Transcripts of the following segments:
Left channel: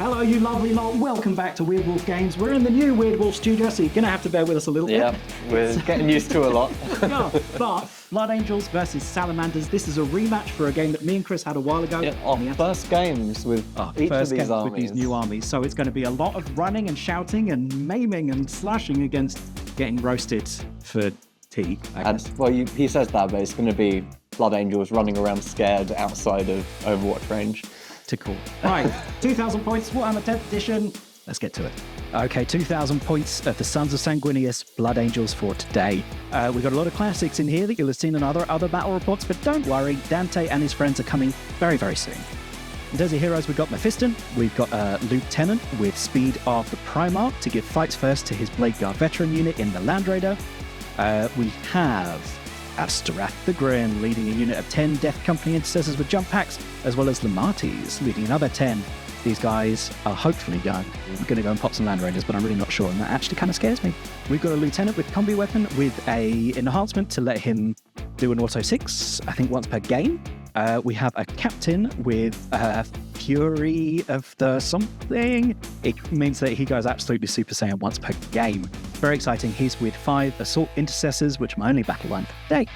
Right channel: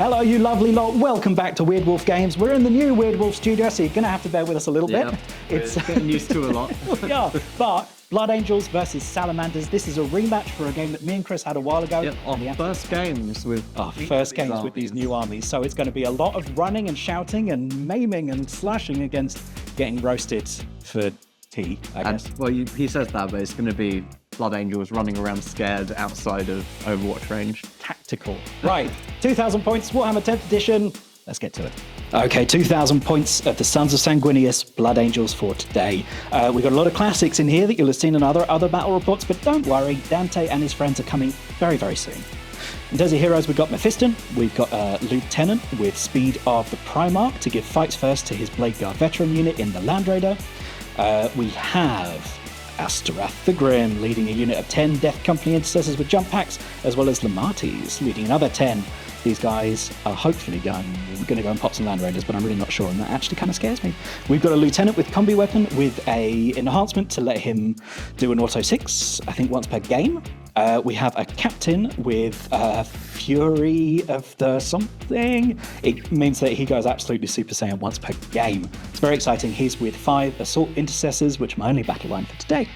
Hello, you lovely lot. Welcome back to Weird Wolf Games. We're in the new Weird Wolf studio, so you're going to have to bear with us a little bit. Yeah, we're getting used to a lot. Yeah, but Blood Angels versus Salamanders. This is a rematch for a game that me and Chris had a while ago. Yeah, our first games with these new armies. So it's going to be a lot of running and shouting and maiming and slashing against getting roasted for tea, I guess. And, well, he says that, but it's going to be Blood Angels running around scared outside of Overwatch range. Tactical. Right, 2,000 points, Warhammer 10th edition. Let's get to it. Okay, 2,000 points of the Sons of Sanguinius, Blood Angels for today. We've got a lot of classics in here that you'll have seen in other battle reports, but don't worry, Dante and his friends are coming very, very soon. In terms of heroes, we've got Mephiston, we've got a Lieutenant with speed of the Primarch to give fights first to his Blade Guard veteran unit in the Land Raider. We have Asterath the Grim leading a unit of 10 Death Company intercessors with jump packs, as well as Lamates leading another 10. These guys are hopefully going to go and pop some Land Raiders, but I'm really not sure, and that actually kind of scares me. We've got a Lieutenant with Combi Weapon with a enhancement to let him do an Auto 6, I think once per game. We have a Captain with Fury of the something. It means that he goes absolutely Super Saiyan once per game. It's very exciting. He's with 5 Assault Intercessors, which are my only battle line for today.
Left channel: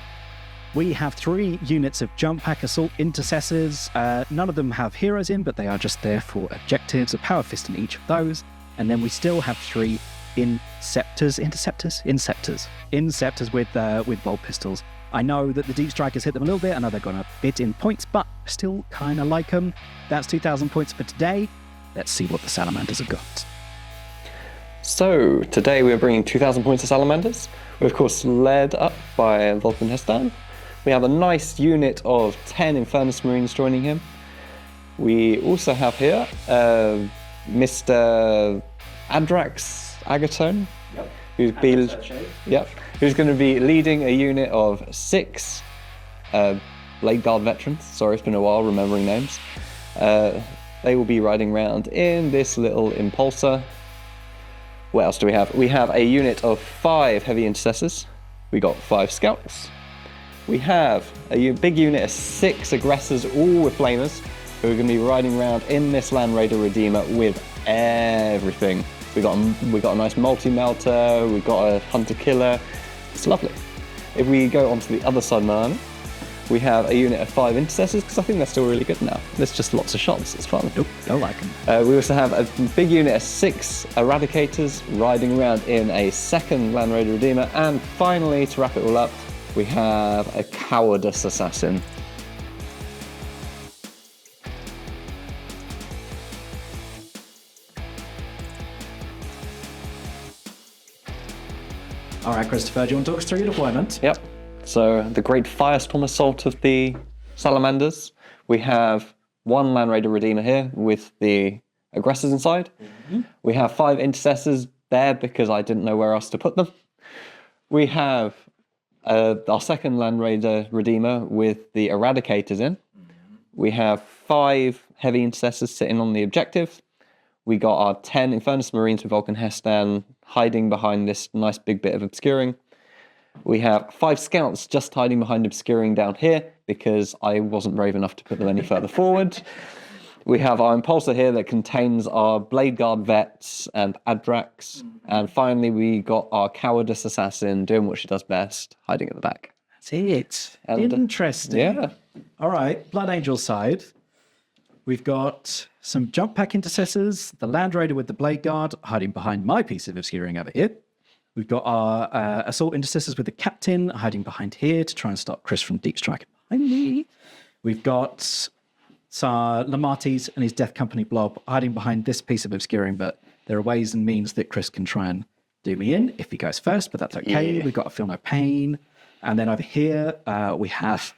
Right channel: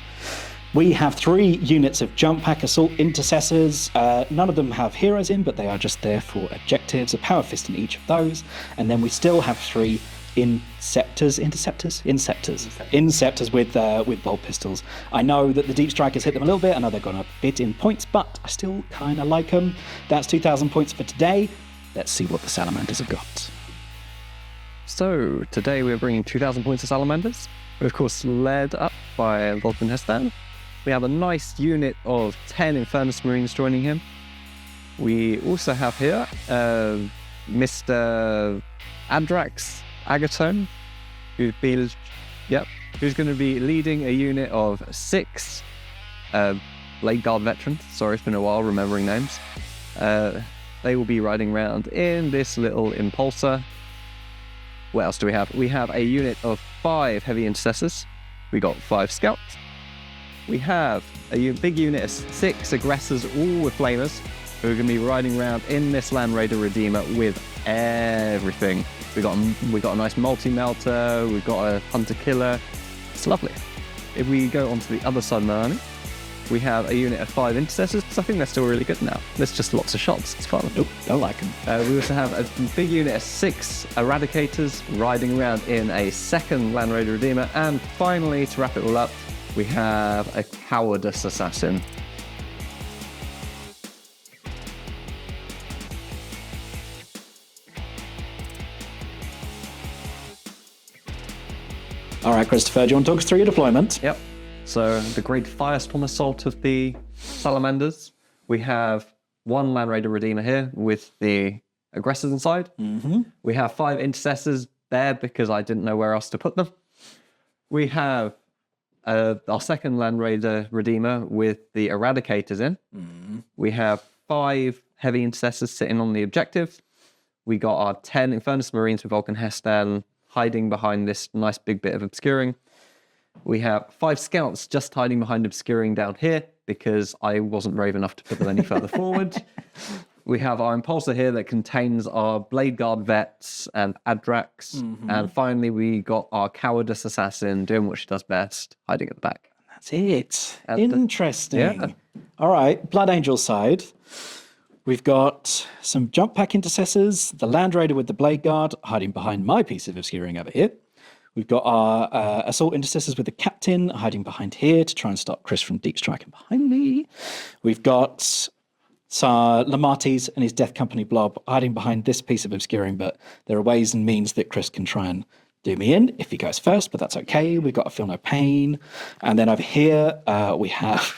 We have 3 units of Jump Pack Assault Intercessors. None of them have heroes in, but they are just there for objectives. A Power Fist in each of those. And then we still have 3 Inceptors with bolt pistols. I know that the Deep Strikers hit them a little bit. I know they've gone a bit in points, but I still kind of like them. That's 2,000 points for today. Let's see what the Salamanders have got. So, today we're bringing 2,000 points to Salamanders. We're of course led up by Vulcan Hestan. We have a nice unit of 10 Infernus Marines joining him. We also have here Mr. Adrax Agatone, who's going to be leading a unit of 6 Blade Guard veterans. Sorry, it's been a while remembering names. They will be riding around in this little Impulsor. What else do we have? We have a unit of 5 Heavy Intercessors. We got 5 Scouts. We have a big unit of 6 Aggressors, all with Flamers, who are going to be riding around in this Land Raider Redeemer with everything. We got a nice multi-melter, we've got a hunter-killer. It's lovely. If we go onto the other side of my army, we have a unit of 5 Intercessors, because I think they're still really good now. There's just lots of shots, it's fun. Nope, don't like them. We also have a big unit of 6 Eradicators riding around in a second Land Raider Redeemer. And finally, to wrap it all up, we have a Cowardice Assassin. All right, Christopher, do you want to talk us through your deployment? Yep. So the Great Firestorm Assault of the Salamanders. We have 1 Land Raider Redeemer here with the Aggressors inside. Mm-hmm. We have 5 Intercessors there because I didn't know where else to put them. We have our second Land Raider Redeemer with the Eradicators in. Mm-hmm. We have 5 Heavy Intercessors sitting on the objective. We got our 10 Infernus Marines with Vulcan Hestan hiding behind this nice big bit of obscuring. We have 5 Scouts just hiding behind obscuring down here because I wasn't brave enough to put them any further forward. We have our Impulsor here that contains our Blade Guard Vets and Adrax. Mm-hmm. And finally, we got our Cowardice Assassin doing what she does best, hiding at the back. That's it. And, interesting. Yeah. All right, Blood Angel side. We've got some Jump Pack Intercessors, the Land Raider with the Blade Guard, hiding behind my piece of obscuring over here. We've got our Assault Intercessors with the Captain, hiding behind here to try and stop Chris from deep striking behind me. We've got Lamates and his Death Company blob hiding behind this piece of obscuring, but there are ways and means that Chris can try and do me in if he goes first, but that's okay. Yeah. We've got a Feel No Pain. And then over here, we have...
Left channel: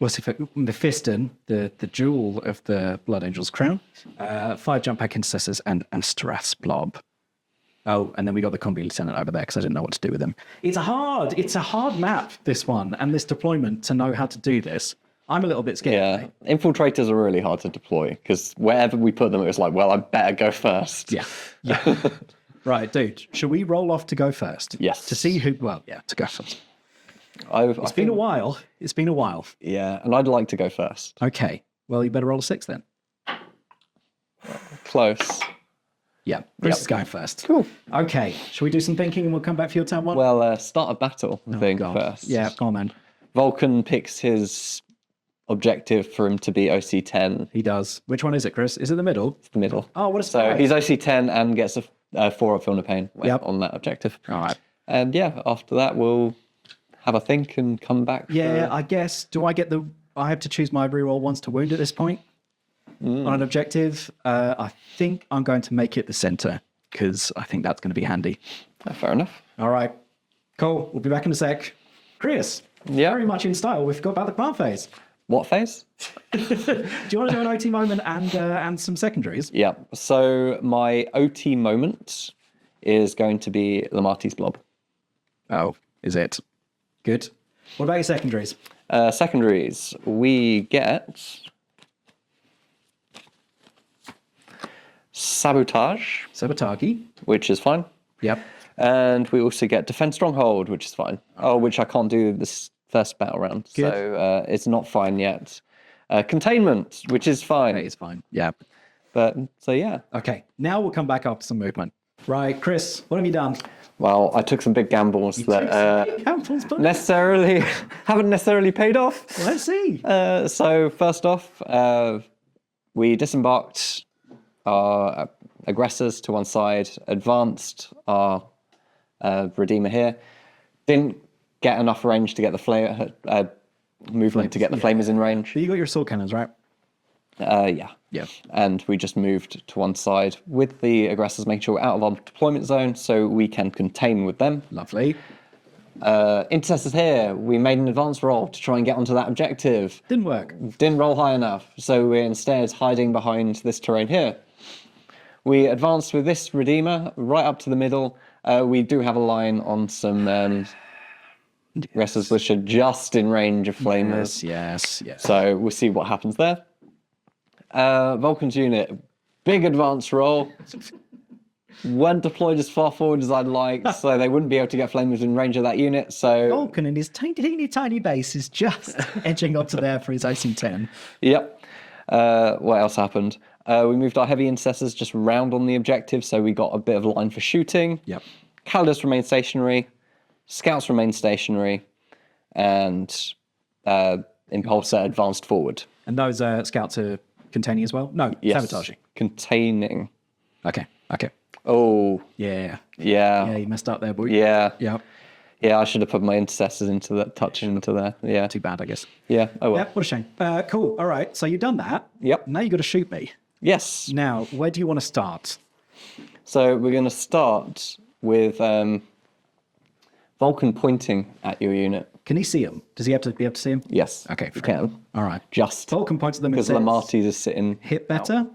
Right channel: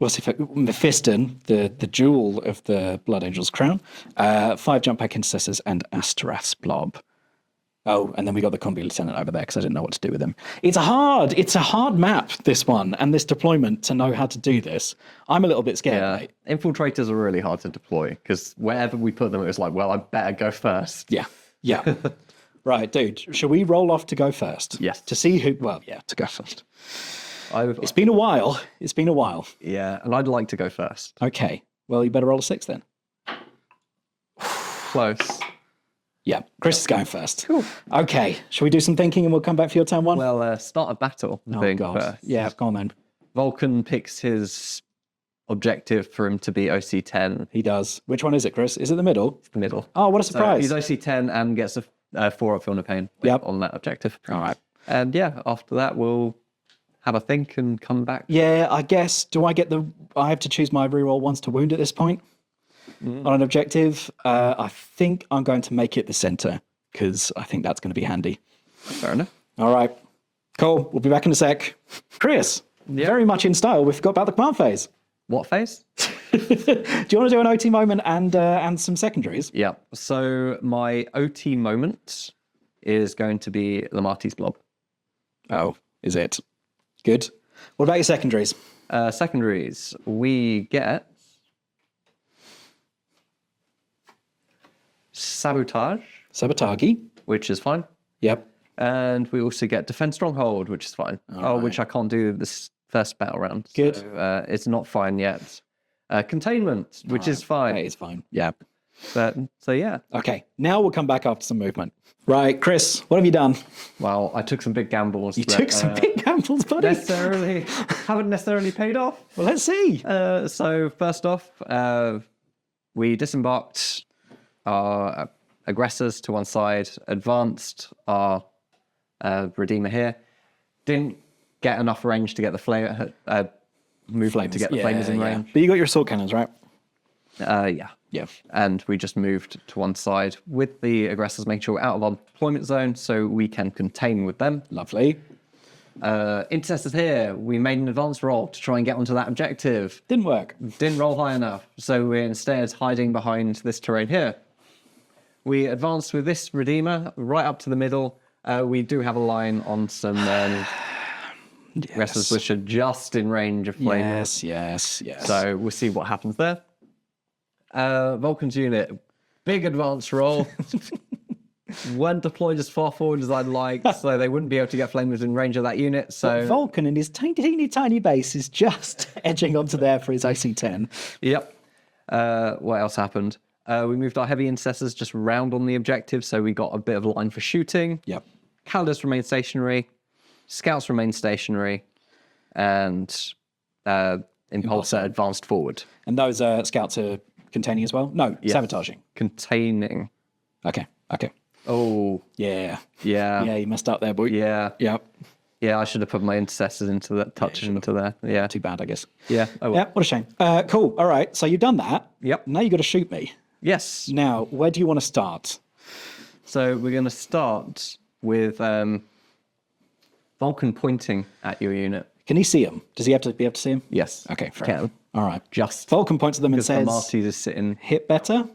Mephiston, the jewel of the Blood Angel's crown, 5 Jump Pack Intercessors and Asterath's blob. Oh, and then we got the Combi Lieutenant over there because I didn't know what to do with him. It's a hard map, this one, and this deployment to know how to do this. I'm a little bit scared. Yeah, infiltrators are really hard to deploy because wherever we put them, it was like, well, I better go first. Yeah. Right, dude, shall we roll off to go first? Yes. To see who, to go first. It's been a while. Yeah, and I'd like to go first. Okay. Well, you better roll a 6 then. close. Yeah, Chris is going first. Cool. Okay, shall we do some thinking and we'll come back for your turn one? Well, start a battle thing first. Yeah, go on then. Vulcan picks his objective for him to be OC10. He does. Which one is it, Chris? Is it the middle? The middle. Oh, what a So surprise. he's OC10 and gets a 4 up Feel No Pain on that objective. All right. And yeah, after that, we'll have a think and come back. Yeah, I guess. Do I get I have to choose my reroll once to wound at this point on an objective. I think I'm going to make it the center because I think that's going to be handy. Fair enough. All right. Cool. We'll be back in a sec. Chris, very much in style. We forgot about the command phase. What phase? Do you want to do an OT moment and some secondaries? Yeah. So my OT moment is going to be Lamarty's Blob. Oh, is it? Good. What about your secondaries? Secondaries, we get Sabotage, Sabotage. which is fine. Yep. And we also get Defend Stronghold, which is fine. Which I can't do this first battle round. Good. So it's not fine yet. Containment, which is fine. It's fine. Yeah. But so yeah. Okay. Now we'll come back after some movement. Right, Chris, what have you done? Well, I took some big gambles. You took some big gambles, buddy. Haven't necessarily paid off. Let's see. So first off, we disembarked our aggressors to one side, advanced our Redeemer here. Didn't get enough range to get the movement to get the flamers in range. But you got your sword cannons, right? Yeah. And we just moved to one side with the aggressors, making sure we're out of our deployment zone so we can contain with them. Lovely. Intercessors here, we made an advanced roll to try and get onto that objective. Didn't work. Didn't roll high enough, so we're instead hiding behind this terrain here. We advanced with this Redeemer right up to the middle. We do have a line on some aggressors which are just in range of flamers. Yes. So we'll see what happens there. Vulcan's unit, big advance roll. Weren't deployed as far forward as I'd like, so they wouldn't be able to get flamers in range of that unit. So Vulcan and his tiny base is just edging up to there for his AC-10. Yep. What else happened? We moved our heavy intercessors just round on the objective, so we got a bit of a line for shooting. Yep. Calidus remained stationary. Scouts remained stationary. And Impulsor advanced forward. And those scouts are containing as well? No, Yes. sabotaging. Containing. Okay. Oh. Yeah, Yeah. you messed up there, boy. Yeah. Yep. Yeah, I should have put my intercessors into that, into there. Yeah. Too bad, I guess. Yeah. Oh, well. Yeah, what a shame. Cool. All right. So you've done that. Yep. Now you've got to shoot me. Yes. Now, where do you want to start? So we're going to start with Vulcan pointing at your unit. Can he see him? Does he have to be able to see him? Yes. Okay, you fair can. All right. Just Vulcan points at them and because says, Lamarty is sitting. hit better?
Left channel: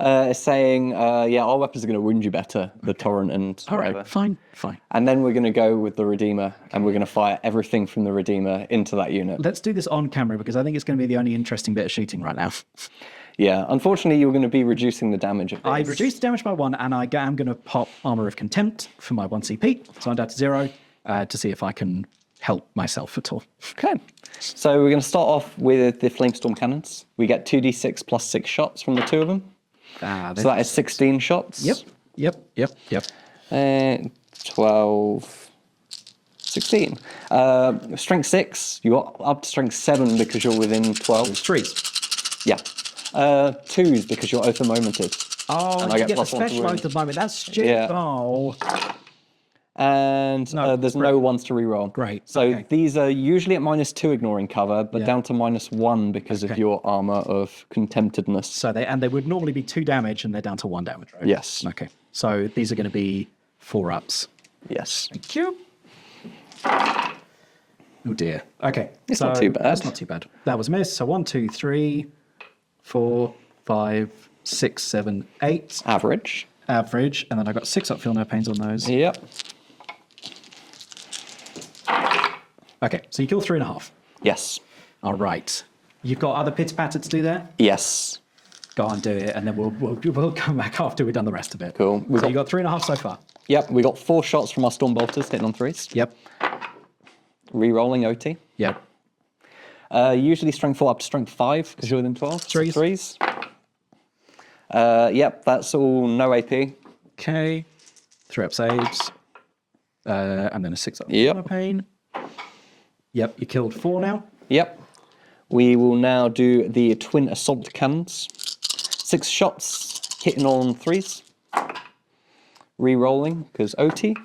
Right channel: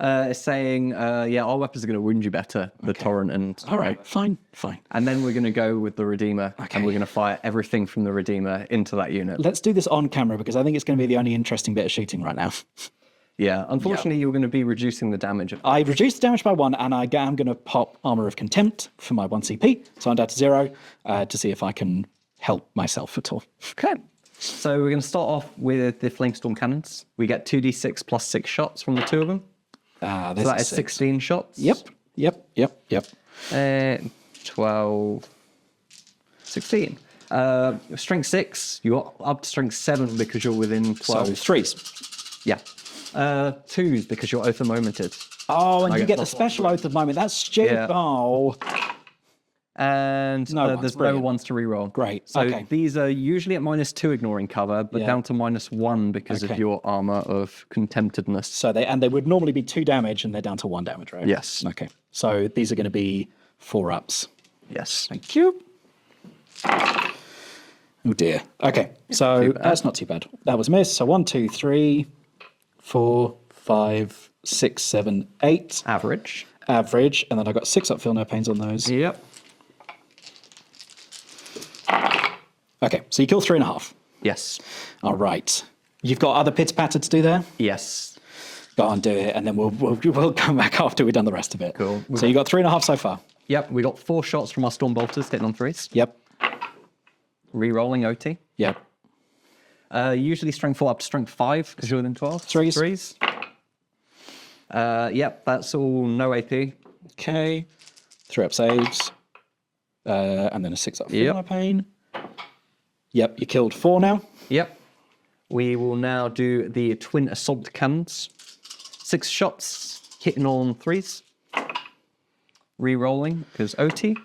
It's saying, our weapons are going to wound you better, the torrent and All right, whatever. fine. And then we're going to go with the Redeemer, and we're going to fire everything from the Redeemer into that unit. Let's do this on camera because I think it's going to be the only interesting bit of shooting right now. Yeah, unfortunately, you're going to be reducing the damage. Of I reduced the damage by 1, and I am going to pop Armor of Contempt for my 1 CP, so I'm down to 0, to see if I can help myself at all. Okay. So we're going to start off with the Flamestorm cannons. We get 2d6 plus 6 shots from the two of them. So that is 16 shots. Yep. 12, 16. Strength 6, you got up to strength 7 because you're within 12. So 3s. Yeah. 2s because you're oath momented. Oh, and I you get get the plus 1 to special range. oath of moment. That's stupid. Yeah. Oh, And there's no brilliant. ones to reroll. Great, So okay. these are usually at -2 ignoring cover, but Yeah. down to -1 because of your armor of contemptedness. so they would normally be 2 damage, and they're down to 1 damage, right? Yes. Okay. So these are going to be 4-ups. Yes. Thank you. Oh dear. Okay. So not too bad. that's not too bad. That was missed. So 1, 2, 3, 4, 5, 6, 7, 8 Average. average, and then I got 6 up. Feel no pains on those. Yep. Okay. So you kill 3.5. Yes. All right. You've got other pits patter to do there. Yes. Go on, do it, and then we'll come back after we've done the rest of it. Cool. So you got 3.5 so far. Yep. We got 4 shots from our Storm Bolters hitting on 3s. Yep. Rerolling OT. Yep. Usually strength 4 up to strength 5 because you're within 12. Threes. Yep, that's all no AP. Okay. 3 up saves. And then a 6 up Yep. pain. Yep, you killed 4 now. Yep. We will now do the twin assault cannons. 6 shots, hitting on 3s. Re-rolling, because OT.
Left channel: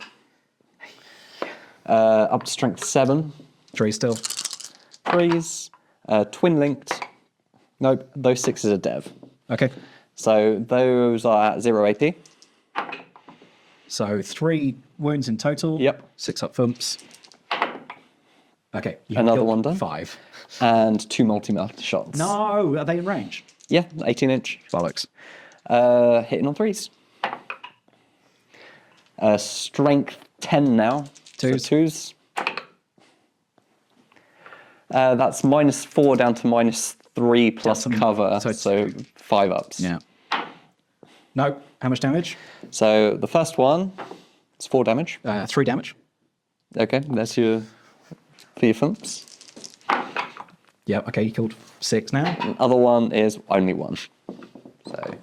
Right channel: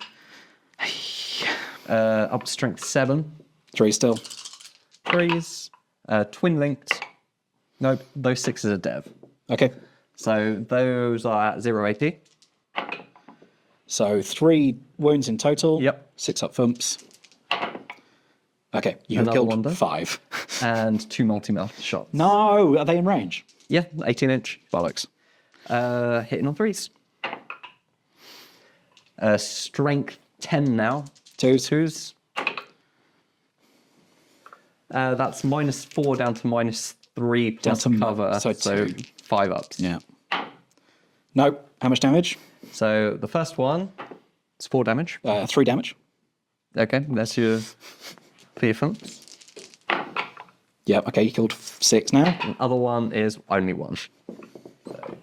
Up to strength 7. 3 still. 3s. Twin linked. Nope, those 6s are dev. Okay. So those are at 0 AP. So 3 wounds in total. Yep. 6 up thumps. Okay, you Another killed one done. 5. And 2 multi-mouth shots. No, are they in range? Yeah, 18-inch. Bollocks. Hitting on 3s. Strength 10 now. 2s. That's -4 down to -3 plus Down to- cover, so 5 ups. Yeah. No, how much damage? So the first one, it's 4 damage. 3 damage. Okay, that's your for your thumps. Yeah, okay, you killed 6 now. The other one is only 1. So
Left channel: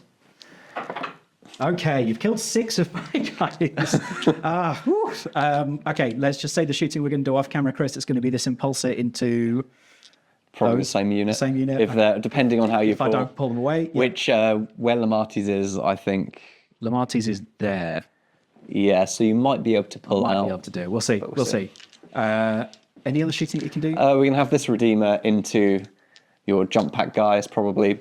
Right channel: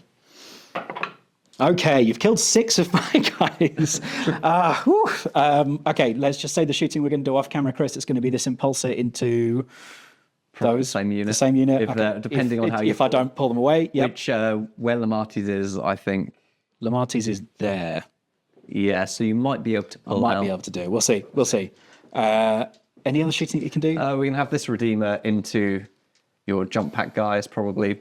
Okay, you've killed 6 of my guys. Okay, let's just say the shooting we're going to do off camera, Chris, it's going to be this impulsor into probably the same unit. the same unit. If Okay. depending on how you if I pull. don't pull them away. Yep. Which where Lamarty's is, I think. Lamarty's is there. Yeah, so you might be able to pull Might out. be able to do. We'll see. We'll see. Any other shooting that you can do? We're gonna have this Redeemer into your jump pack guys, probably.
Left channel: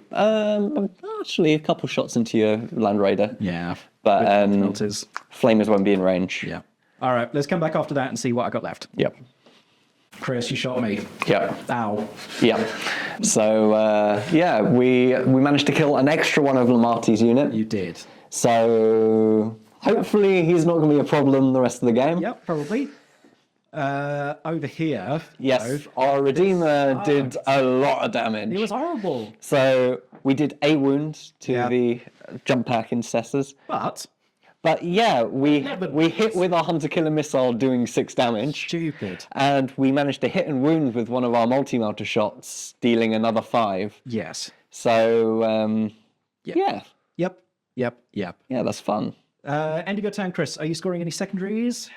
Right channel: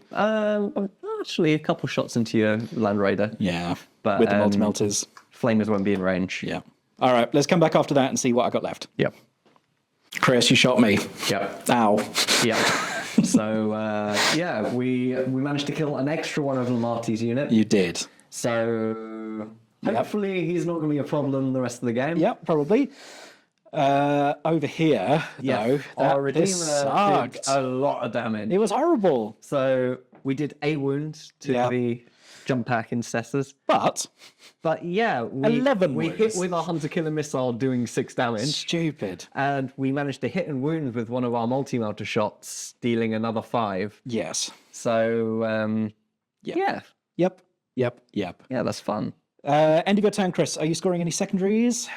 Actually, a couple shots into your Land Raider. Yeah, But with the multi-melters. Flamers won't be in range. Yeah. All right, let's come back after that and see what I got left. Yep. Chris, you shot me. Yep. Ow. Yep. So yeah, we managed to kill an extra one of Lamarty's unit. You did. So hopefully he's not going to be a problem the rest of the game. Yep, probably. Over here, Yes, though, our Redeemer did sucked. a lot of damage. It was horrible. So we did a wound to Yeah. the jump pack intercessors. But yeah, we 11 hit wounds. with our hunter killer missile doing 6 damage. stupid. And we managed to hit and wound with one of our multi-melter shots, dealing another 5. Yes. So yeah, Yep. that's fun. End of your turn, Chris. Are you scoring any secondaries?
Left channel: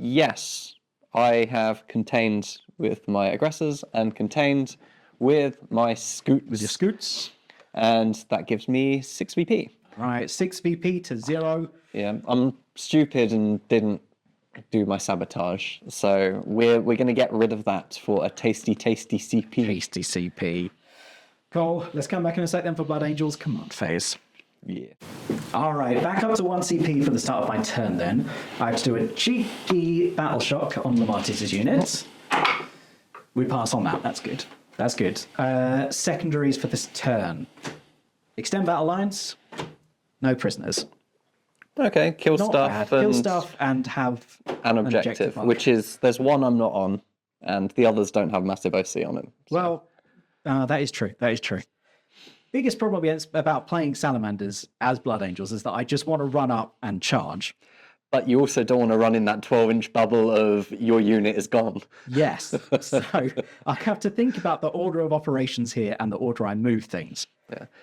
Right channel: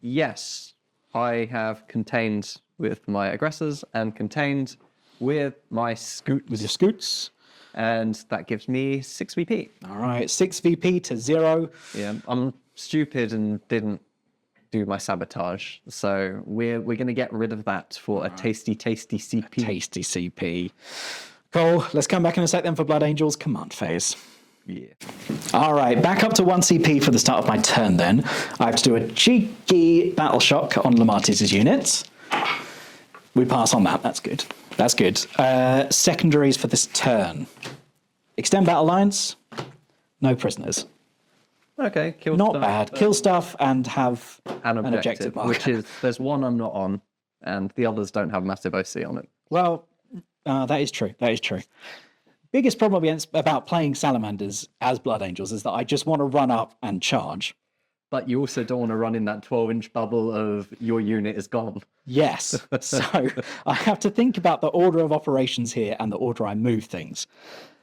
Yes, I have contained with my aggressors and contained with my scoots. With your scoots. And that gives me 6 VP. All right, 6 VP to 0. Yeah, I'm stupid and didn't do my sabotage. So we're going to get rid of that for a tasty CP. Tasty CP. Cool. Let's come back in a sec then for Blood Angels command phase. Yeah. All right, back up to 1 CP for the start of my turn then. I have to do a cheeky battle shock on Lamarty's unit. We pass on that. That's good. That's good. Secondaries for this turn. Extend battle lines. No prisoners. Okay, kill Not stuff. bad. and Kill stuff and have An objective, mark. which is, there's one I'm not on, and the others don't have massive OC on it. Well, that is true. That is true. Biggest problem about playing Salamanders as Blood Angels is that I just want to run up and charge. But you also don't want to run in that 12-inch bubble of your unit is gone. Yes. So I have to think about the order of operations here and the order I move things.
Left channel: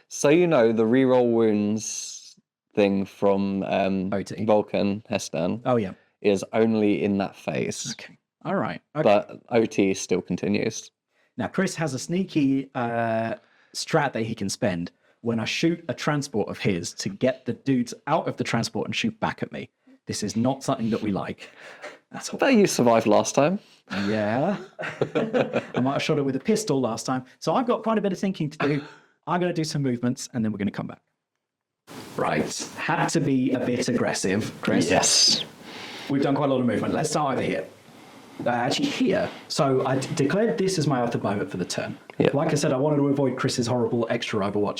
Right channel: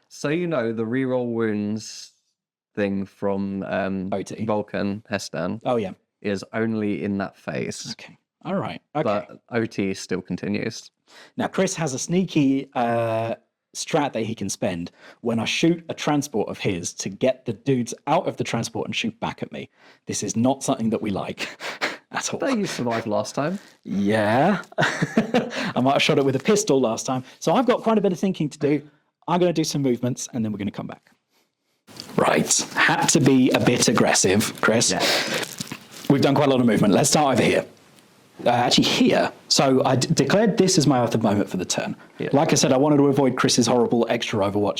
So you know the reroll wounds thing from OT. Vulcan Hestan Oh, yeah. is only in that phase, Okay. All right. Okay. but OT still continues. Now, Chris has a sneaky strat that he can spend when I shoot a transport of his to get the dudes out of the transport and shoot back at me. This is not something that we like at all. But you survived last time. Yeah. I might have shot it with a pistol last time. So I've got quite a bit of thinking to do. I'm going to do some movements and then we're going to come back. Right. Had to be a bit aggressive, Chris. Yes. We've done quite a lot of movement. Let's start over here. Actually, here. So I declared this as my Earth of moment for the turn. Yeah. Like I said, I wanted to avoid Chris's horrible extra Overwatch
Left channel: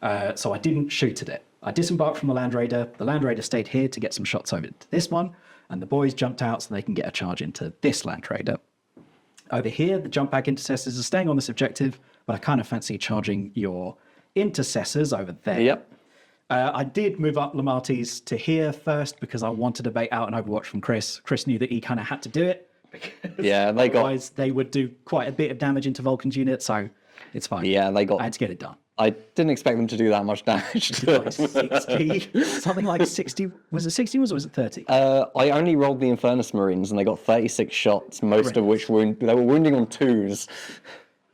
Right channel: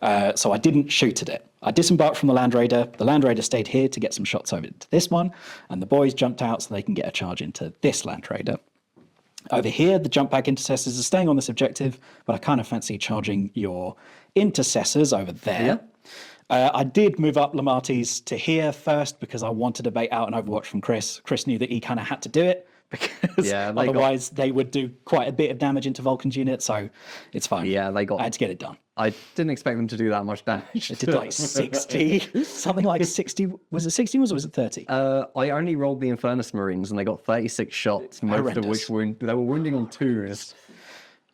strat, so I didn't shoot at it. I disembarked from the Land Raider. The Land Raider stayed here to get some shots over to this one, and the boys jumped out so they can get a charge into this Land Raider. Over here, the jump back intercessors are staying on this objective, but I kind of fancy charging your intercessors over there. Yep. I did move up Lamarty's to here first because I wanted to bait out an Overwatch from Chris. Chris knew that he kind of had to do it because Yeah, otherwise they would do quite a bit of damage into Vulcan's unit, so it's fine. Yeah, they got. I had to get it done. I didn't expect them to do that much damage. Did like 60, something like 60. Was it 60 or was it 30? I only rolled the Infernus Marines and they got 36 shots, most of which they were wounding on 2s.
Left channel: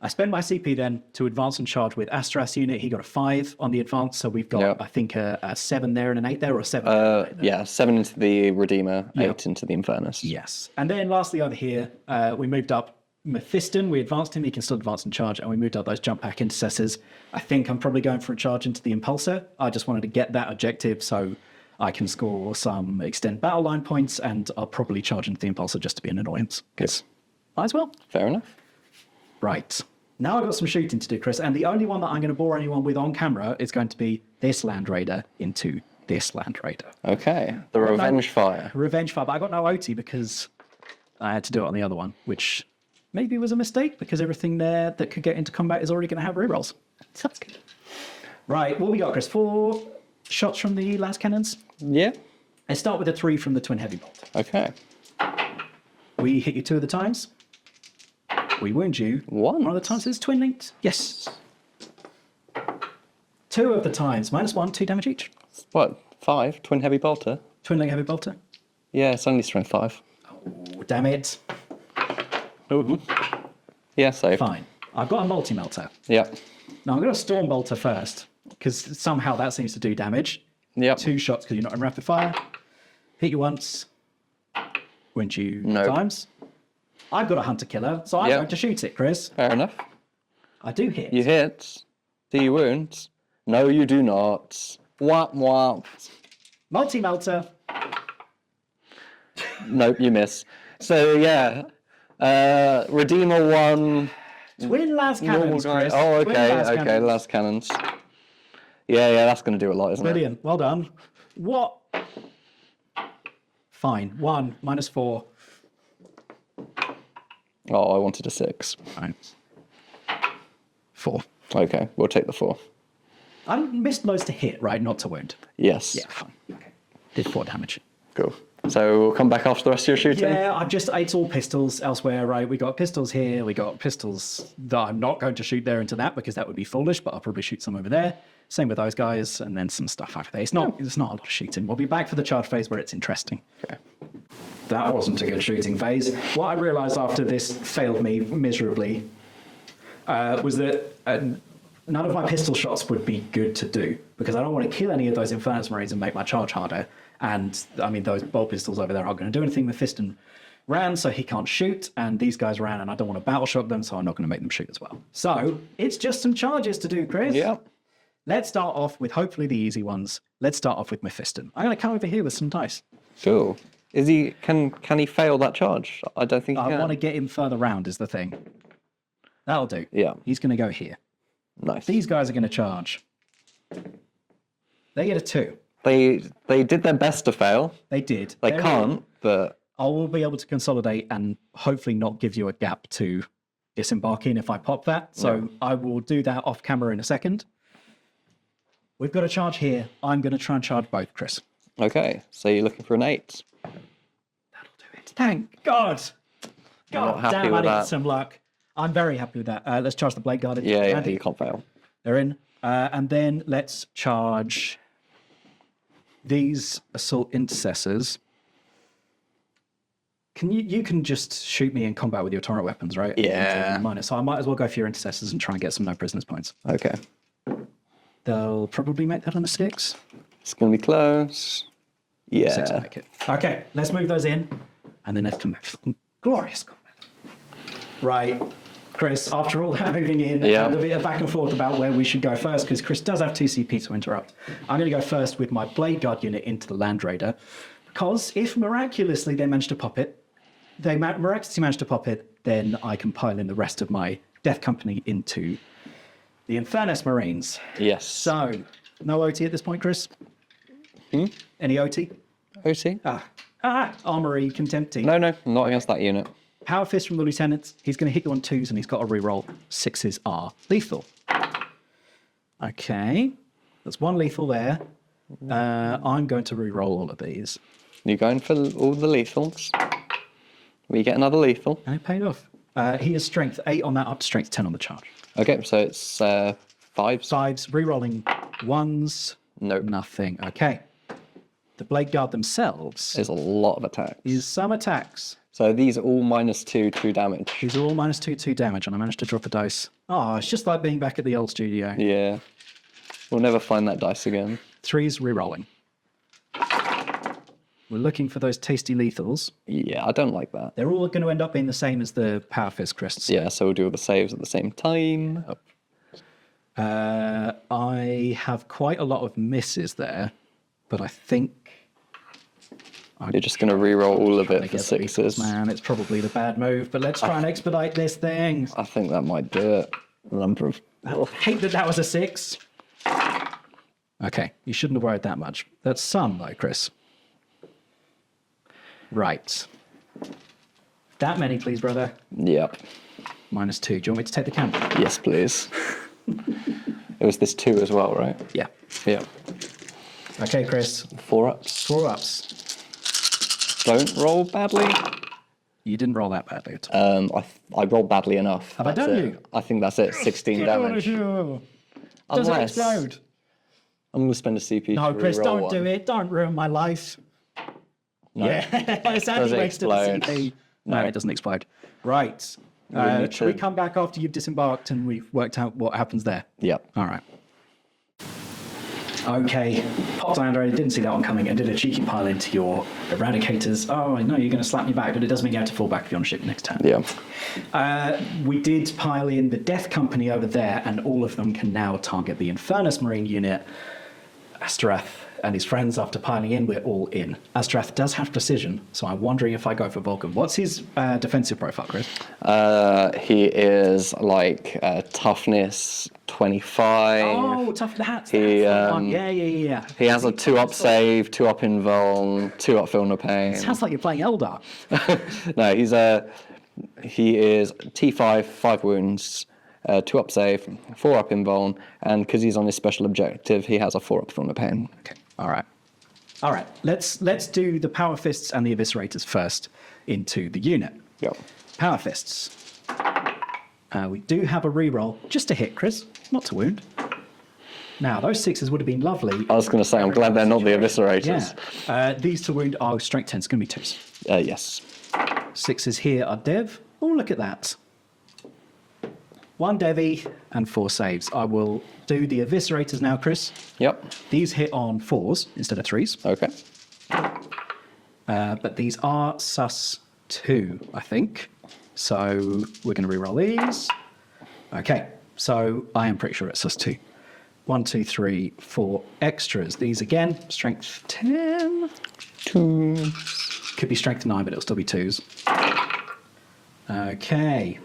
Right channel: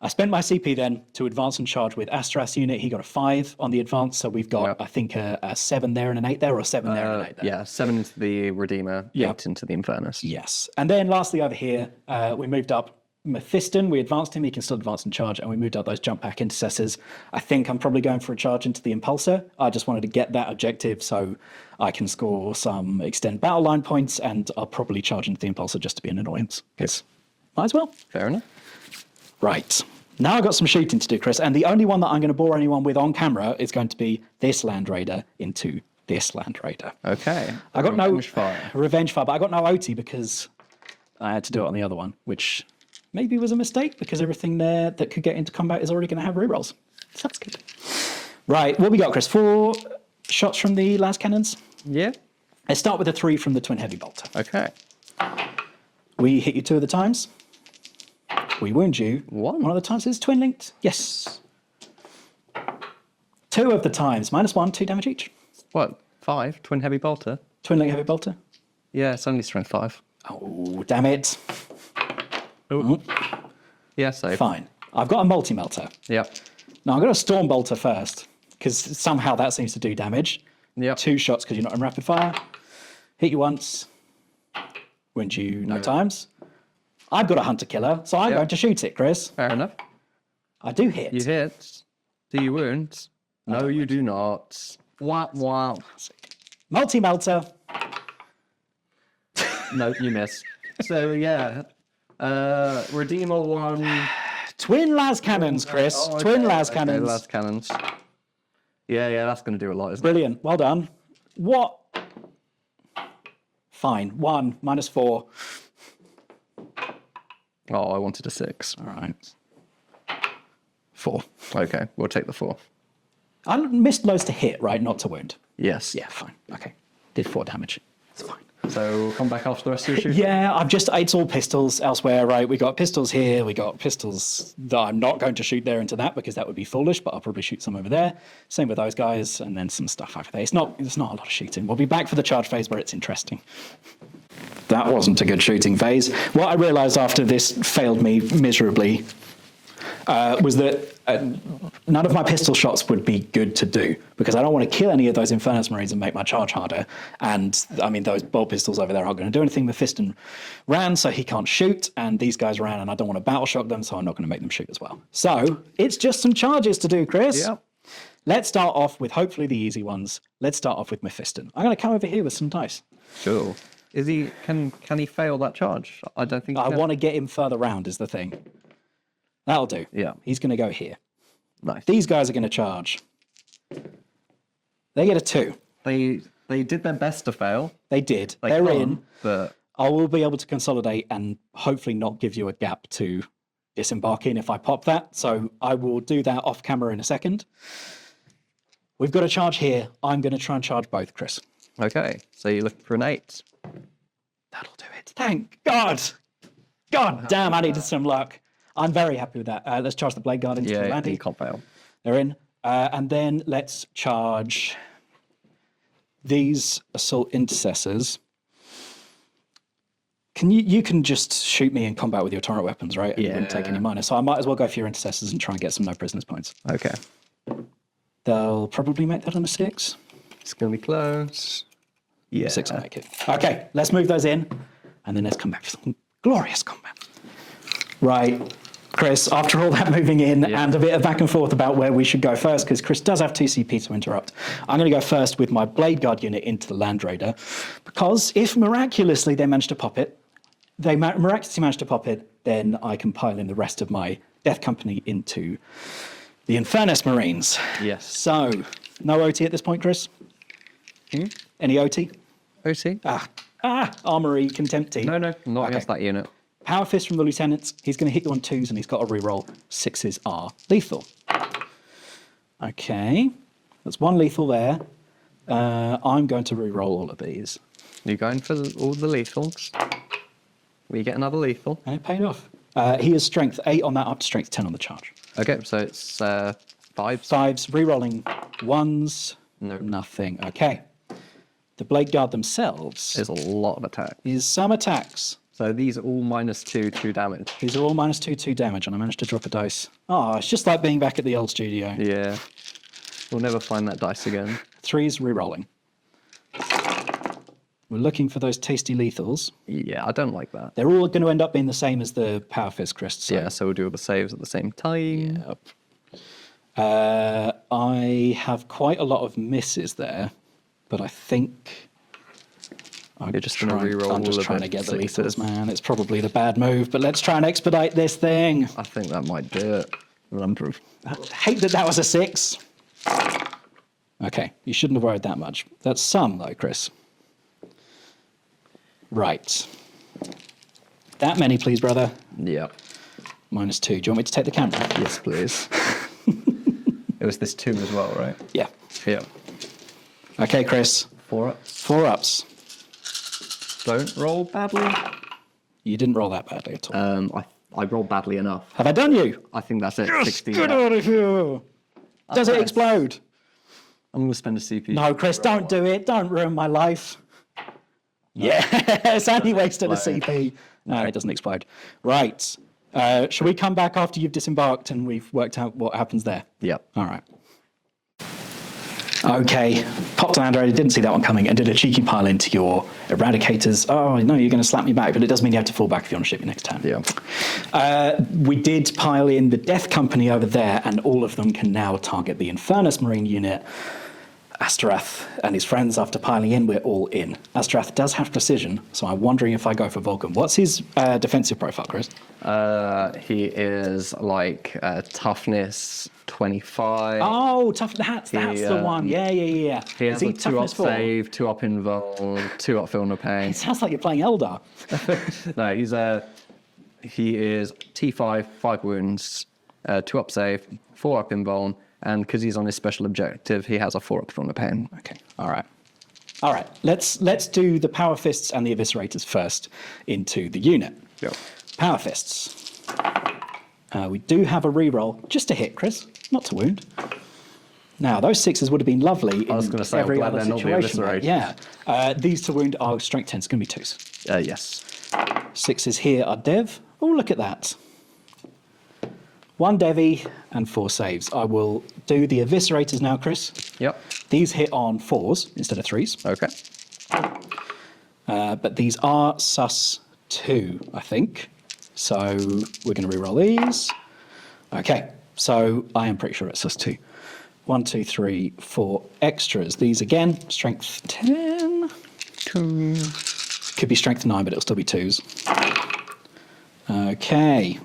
I spent my CP then to advance and charge with Astras unit. He got a 5 on the advance, so we've got, I think, a 7 there and an 8 there, or a 7 there and an 8 there. Yeah, 7 into the Redeemer, 8 into the Infernus. Yes. And then lastly over here, we moved up Mephiston. We advanced him. He can still advance and charge, and we moved up those jump pack intercessors. I think I'm probably going for a charge into the Impulsor. I just wanted to get that objective so I can score some extend battle line points, and I'll probably charge into the Impulsor just to be an annoyance, because might as well. Fair enough. Right. Now I've got some shooting to do, Chris, and the only one that I'm going to bore anyone with on camera is going to be this Land Raider into this Land Raider. Okay. The Revenge Fire. Revenge Fire, but I got no OT because I had to do it on the other one, which maybe was a mistake because everything there that could get into combat is already going to have rerolls. So that's good. Right, what we got, Chris? 4 shots from the las cannons. Yeah. Let's start with a 3 from the Twin Heavy Bolter. Okay. We hit you 2 of the times. We wound you. One of the times is twin linked. Yes. 2 of the times. -1, 2 damage each. What? 5? Twin Heavy Bolter? Twin link heavy bolter. Yeah, it's only strength 5. Oh, damn it. Yeah, so. Fine. I've got a multi-melter. Yep. Now I'm going to Storm Bolter first, because somehow that seems to do damage. Yep. 2 shots because you're not in rapid fire. Hit you once. Wound you 9 times. I've got a Hunter Killer, so I'm going to shoot it, Chris. Fair enough. I do hit. You hit. Do you wound? No, you do not. Wah, wah. Multi-melter. Nope, you miss. So, yeah. Redeemer 1. Twin las cannons, Chris. Oh, okay, Twin las okay, cannons. las cannons. Yeah, that's going to do a lot, isn't Brilliant. Well done. What? Fine. 1, -4. Oh, I wanted a 6. All right. 4. Okay, we'll take the 4. I missed loads to hit, right? Not to wound. Yes. Yeah, fine. Okay. Did 4 damage. Cool. So we'll come back after the rest of your shooting? Yeah, it's all pistols elsewhere, right? We got pistols here. We got pistols that I'm not going to shoot there into that because that would be foolish, but I'll probably shoot some over there. Same with those guys, and then some stuff over there. It's not a lot of shooting. We'll be back for the charge phase where it's interesting. Okay. That wasn't a good shooting phase. What I realized after this failed me miserably was that none of my pistol shots would be good to do because I don't want to kill any of those Infernus Marines and make my charge harder. And I mean, those bolt pistols over there aren't going to do anything. Mephiston ran, so he can't shoot, and these guys ran, and I don't want to battle shock them, so I'm not going to make them shoot as well. So it's just some charges to do, Chris. Yeah. Let's start off with hopefully the easy ones. Let's start off with Mephiston. I'm going to come over here with some dice. Sure. Is he? Can he fail that charge? I don't think. I want to get him further round. Is the thing. That'll do. Yeah. He's going to go here. Nice. These guys are going to charge. They get a 2. They did their best to fail. They did. They They're can't, in. but I will be able to consolidate and hopefully not give you a gap to disembark in if I pop that. So I will do that off camera in a second. We've got a charge here. I'm going to try and charge both, Chris. okay. So you're looking for an 8. That'll do it. Thank God. God happy damn, I with needed that. some luck. I'm very happy with that. Let's charge the Blade Guard into the Yeah, Mandy. you can't fail. They're in. And then let's charge these Assault Intercessors. You can just shoot me in combat with your torrent weapons, right? And Yeah. I'm taking a minus. So I might as well go for your Intercessors and try and get some no prisoners points. Okay. They'll probably make that on a 6. It's going to be close. Yeah. 6 will make it. Okay, let's move those in. And then let's come back for some glorious combat. Right. Chris, after all that moving in and a bit of back and forth about where we should go first, because Chris does have 2 CP to interrupt, I'm going to go first with my Blade Guard unit into the Land Raider, because if miraculously they manage to pop it, then I can pile in the rest of my Death Company into the Infernus Marines. Yes. So, no OT at this point, Chris? Any OT? OC? Armory, Contempty. No, not against that unit. Power Fist from the Lieutenants. He's going to hit you on 2s and he's got to reroll. 6s are lethal. Okay. That's 1 lethal there. I'm going to reroll all of these. You're going for all the lethals? We get another lethal. And it paid off. He has strength 8 on that, up to strength 10 on the charge. Okay, so it's 5s. 5s, re-rolling 1s. Nope. Nothing. Okay. The Blade Guard themselves There's a lot of attack. is some attacks. So these are all -2 damage. These are all -2 damage, and I managed to drop a dice. Oh, it's just like being back at the old studio. Yeah. We'll never find that dice again. 3s, re-rolling. We're looking for those tasty lethals. Yeah, I don't like that. They're all going to end up being the same as the Power Fist Chris. Yeah, so we'll do all the saves at the same time. I have quite a lot of misses there, but I think You're just going to re-roll all of trying it to for get the lethals, 6s. man. It's probably the bad move, but let's try and expedite this thing. I think that might do it. Lumproof. I hate that was a 6. Okay, you shouldn't have worried that much. That's some, though, Chris. Right. That many, please, brother. Yep. -2. Do you want me to take the camera? Yes, please. It was this 2 as well, right? Yeah. Yep. Okay, Chris. 4-ups. 4-ups. Don't roll badly. You didn't roll that badly at all. I rolled badly enough. Have I done you? I think that's it. 16 Get out of damage. here. Does it Unless- explode? I'm going to spend a CP. No, to Chris, re-roll don't one. do it. Don't ruin my life. Yes, Andy Does it waits to the explode? CP. No, it doesn't explode. Right. Shall we come back after you've disembarked and we've worked out what happens there? Yep. All right. Okay. Popped down, I didn't see that one coming, and did a cheeky pile into your eradicators. Oh, no, you're going to slap me back, but it does mean you have to fall back if you want to ship me next time. Yeah. We did pile in the Death Company over there, and all of them can now target the Infernus Marine unit. Astarath and his friends, after piling in, we're all in. Astarath does have precision, so I'm wondering if I go for Vulcan. What's his defensive profile, Chris? He is like toughness 25. Oh, tough. That's the one. Yeah. He has a toughness 2-up 4? save, 2-up invuln, 2-up feel no pain. Sounds like you're playing Eldar. No, he is T5, 5 wounds, 2-up save, 4-up invuln, and because he's on his special objective, he has a 4-up feel no pain. Okay. All right. Let's do the Power Fists and the Eviscerators first into the unit. Yep. Power Fists. We do have a reroll, just to hit, Chris, not to wound. Now, those 6s would have been lovely. I was going to say, I'm glad they're not the Eviscerators. Yeah. These to wound are strength 10. It's going to be 2s. Yes. 6s here are Dev. Oh, look at that. 1 Devi and 4 saves. I will do the Eviscerators now, Chris. Yep. These hit on 4s instead of 3s. Okay. But these are sus 2, I think. So we're going to reroll these. Okay. So I am pretty sure it's sus 2. 1, 2, 3, 4 extras. These again, strength 10. 2. Could be strength 9, but it'll still be 2s. Okay.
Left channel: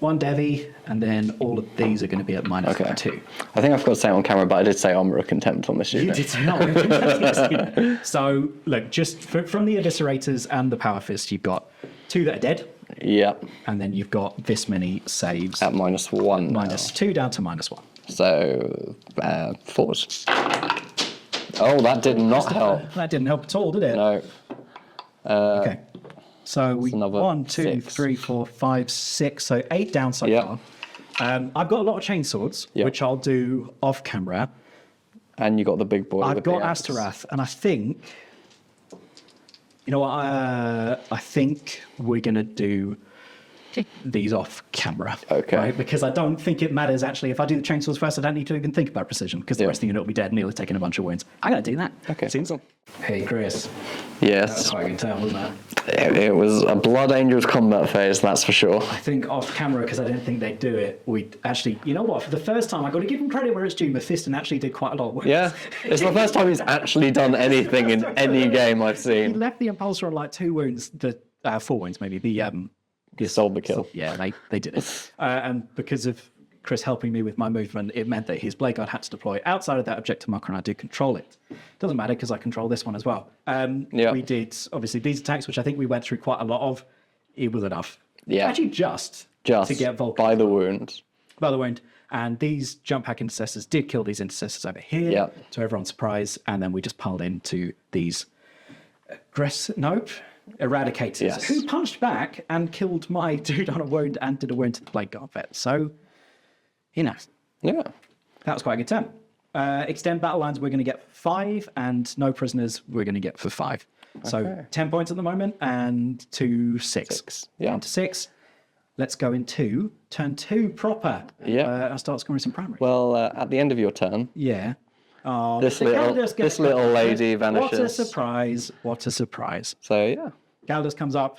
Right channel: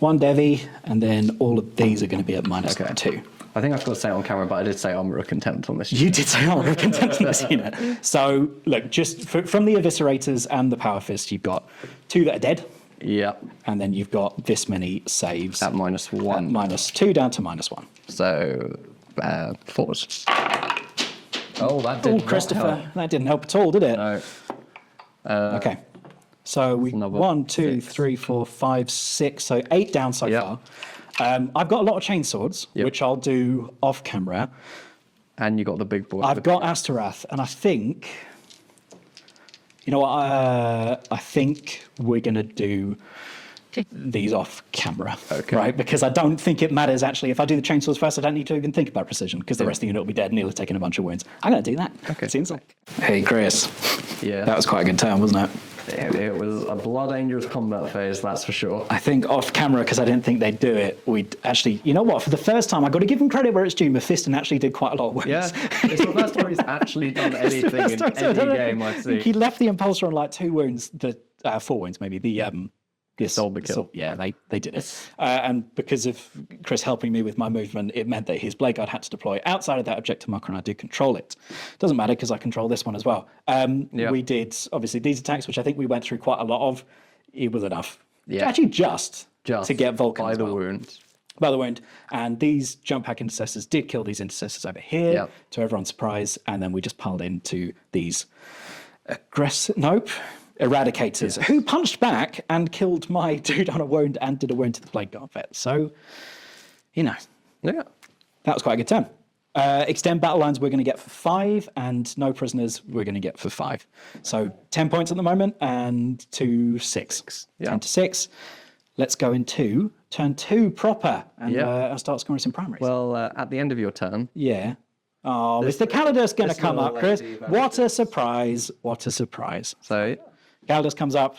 1 Devi, and then all of these are going to be at -2. I think I forgot to say it on camera, but I did say armor of contempt on this. You did say that. So, look, just from the Eviscerators and the Power Fist, you've got 2 that are dead, Yep. and then you've got this many saves. At -1. -2 down to -1. So, 4s. Oh, that did not help. That didn't help at all, did it? No. Okay. So we another 1, 2, 6. 3, 4, 5, 6. So 8 down so Yep. far. I've got a lot of chainswords, Yep. which I'll do off camera. And you got the big boy. I've with got the axe. Astarath, and I think, you know what? I think we're going to do these off camera. Okay. Right? Because I don't think it matters, actually. If I do the chainsaws first, I don't need to even think about precision, because the rest of the unit will be dead and he'll have taken a bunch of wounds. I'm going to do that. Okay. Seems like... Hey, Chris. Yes. That was quite a good turn, wasn't it? It was a Blood Angels combat phase, that's for sure. I think off camera, because I didn't think they'd do it, we'd actually, you know what, for the first time, I've got to give him credit where it's due, Mephiston actually did quite a lot of work. Yeah, it's the first time he's actually done anything in any game I've He seen. left the Impulsor on like 2 wounds, 4 wounds maybe, the Sold the kill. Yeah, they did it. And because of Chris helping me with my movement, it meant that his Blade Guard had to deploy outside of that objective marker, and I did control it. Doesn't matter because I control this one as well. Yeah. We did, obviously, these attacks, which I think we went through quite a lot of. It was enough. Yeah. Actually, just to get Vulcan by as the well. wound. By the wound. And these jump pack intercessors did kill these intercessors over here, Yep. to everyone's surprise. And then we just piled into these aggressive. Nope. Eradicators, Yes. who punched back and killed my dude on a wound and did a wound to the Plague Guard vet. So, Yeah. that was quite a good turn. Extend battle lines we're going to get for 5, and no prisoners we're going to get for 5. So 10 points at the moment, and 2, 6. Yeah. 10 to 6. Let's go into turn 2 proper, and I'll start scoring some primaries. Well, at the end of your turn, yeah. Oh, This Mr. little- Calidus going this to come little up. lady What a vanishes. surprise. What a surprise. so yeah. Calidus comes up.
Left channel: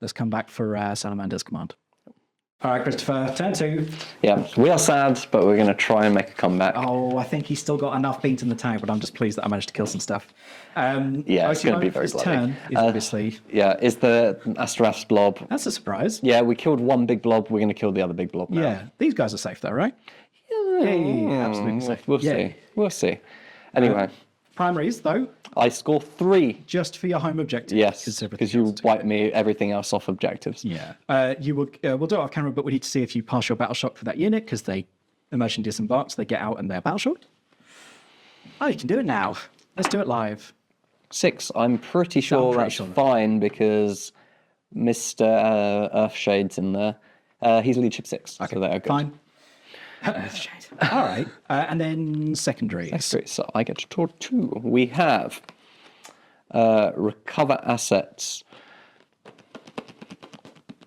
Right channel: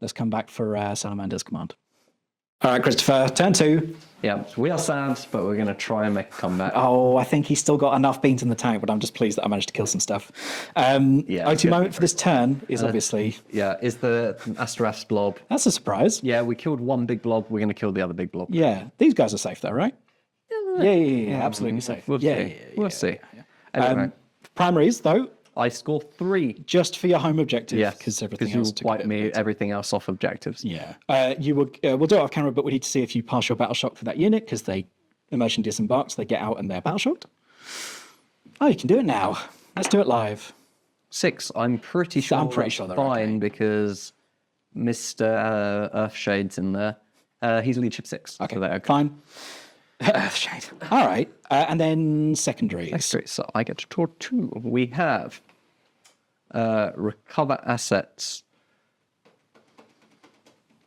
Let's come back for Salamander's command. All right, Christopher, turn 2. Yeah, we are sad, but we're going to try and make a comeback. Oh, I think he's still got enough beans in the tank, but I'm just pleased that I managed to kill some stuff. Yeah, it's OT gonna be moment for very this bloody. turn is obviously... Yeah, is the Astraph's blob. That's a surprise. Yeah, we killed one big blob. We're going to kill the other big blob. now. Yeah, these guys are safe though, right? Yeah, absolutely safe. We'll Yeah, see. yeah, We'll see. Anyway, Primaries, though, I score 3. just for your home objective. Yes, because because you wipe me everything else off objectives. Yeah. You will. We'll do it off camera, but we need to see if you pass your battle shock for that unit because they immersion disembarks. They get out and they're battle shocked. Oh, you can do it now. Let's do it live. 6. I'm pretty sure that's sure that- fine because Mr. Earthshade's in there. He's leadership 6. Okay, so there, fine. Shade. All right, and then secondaries. Great, so I get to draw 2. We have recover assets.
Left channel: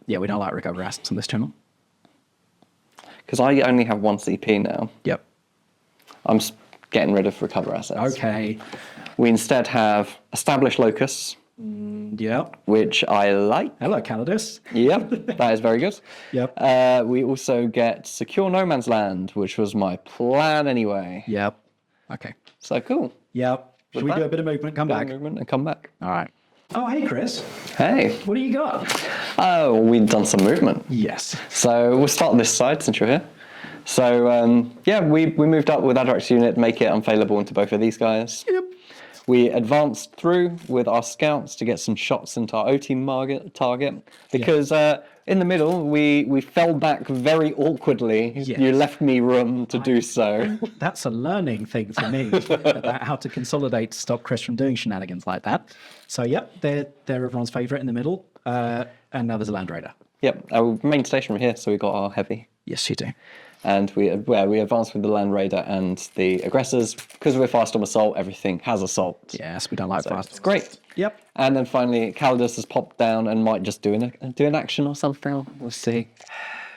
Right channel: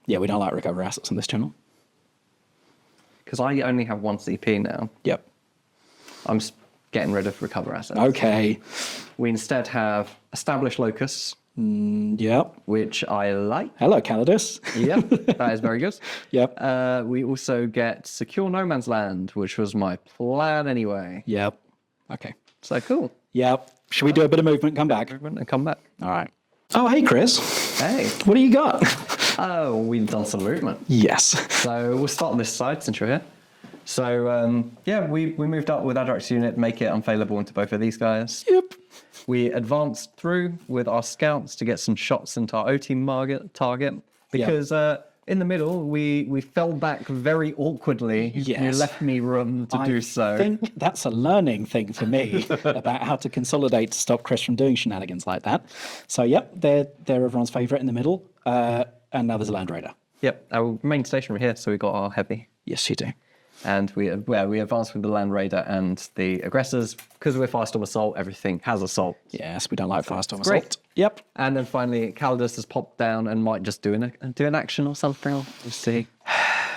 Yeah, we don't like recover assets on this channel. Because I only have 1 CP now. Yep. I'm getting rid of recover assets. Okay. We instead have establish locus, Yep. which I like. Hello, Calidus. Yeah, that is very good. Yep. We also get secure no man's land, which was my plan anyway. Yep. Okay. So cool. Yep. Should we do a bit of movement? Come back. Movement and come back. All right. Oh, hey, Chris. Hey. What do you got? Oh, we've done some movement. Yes. So we'll start on this side since you're here. So yeah, we moved up with Adrox unit, make it unfailable into both of these guys. Yep. We advanced through with our scouts to get some shots into our O-team target because in the middle we fell back very awkwardly. You Yes. left me room to do so. That's a learning thing for me about how to consolidate to stop Chris from doing shenanigans like that. So, yep, they're everyone's favourite in the middle. And now there's a Land Raider. Yep, our main station right here, so we got our heavy. Yes, you do. And we advanced with the Land Raider and the aggressors. Because we're Firestorm Assault, everything has assault. Yes, we don't like fast on Great. assault. Yep. And then finally, Calidus has popped down and might just do an action or something. We'll see.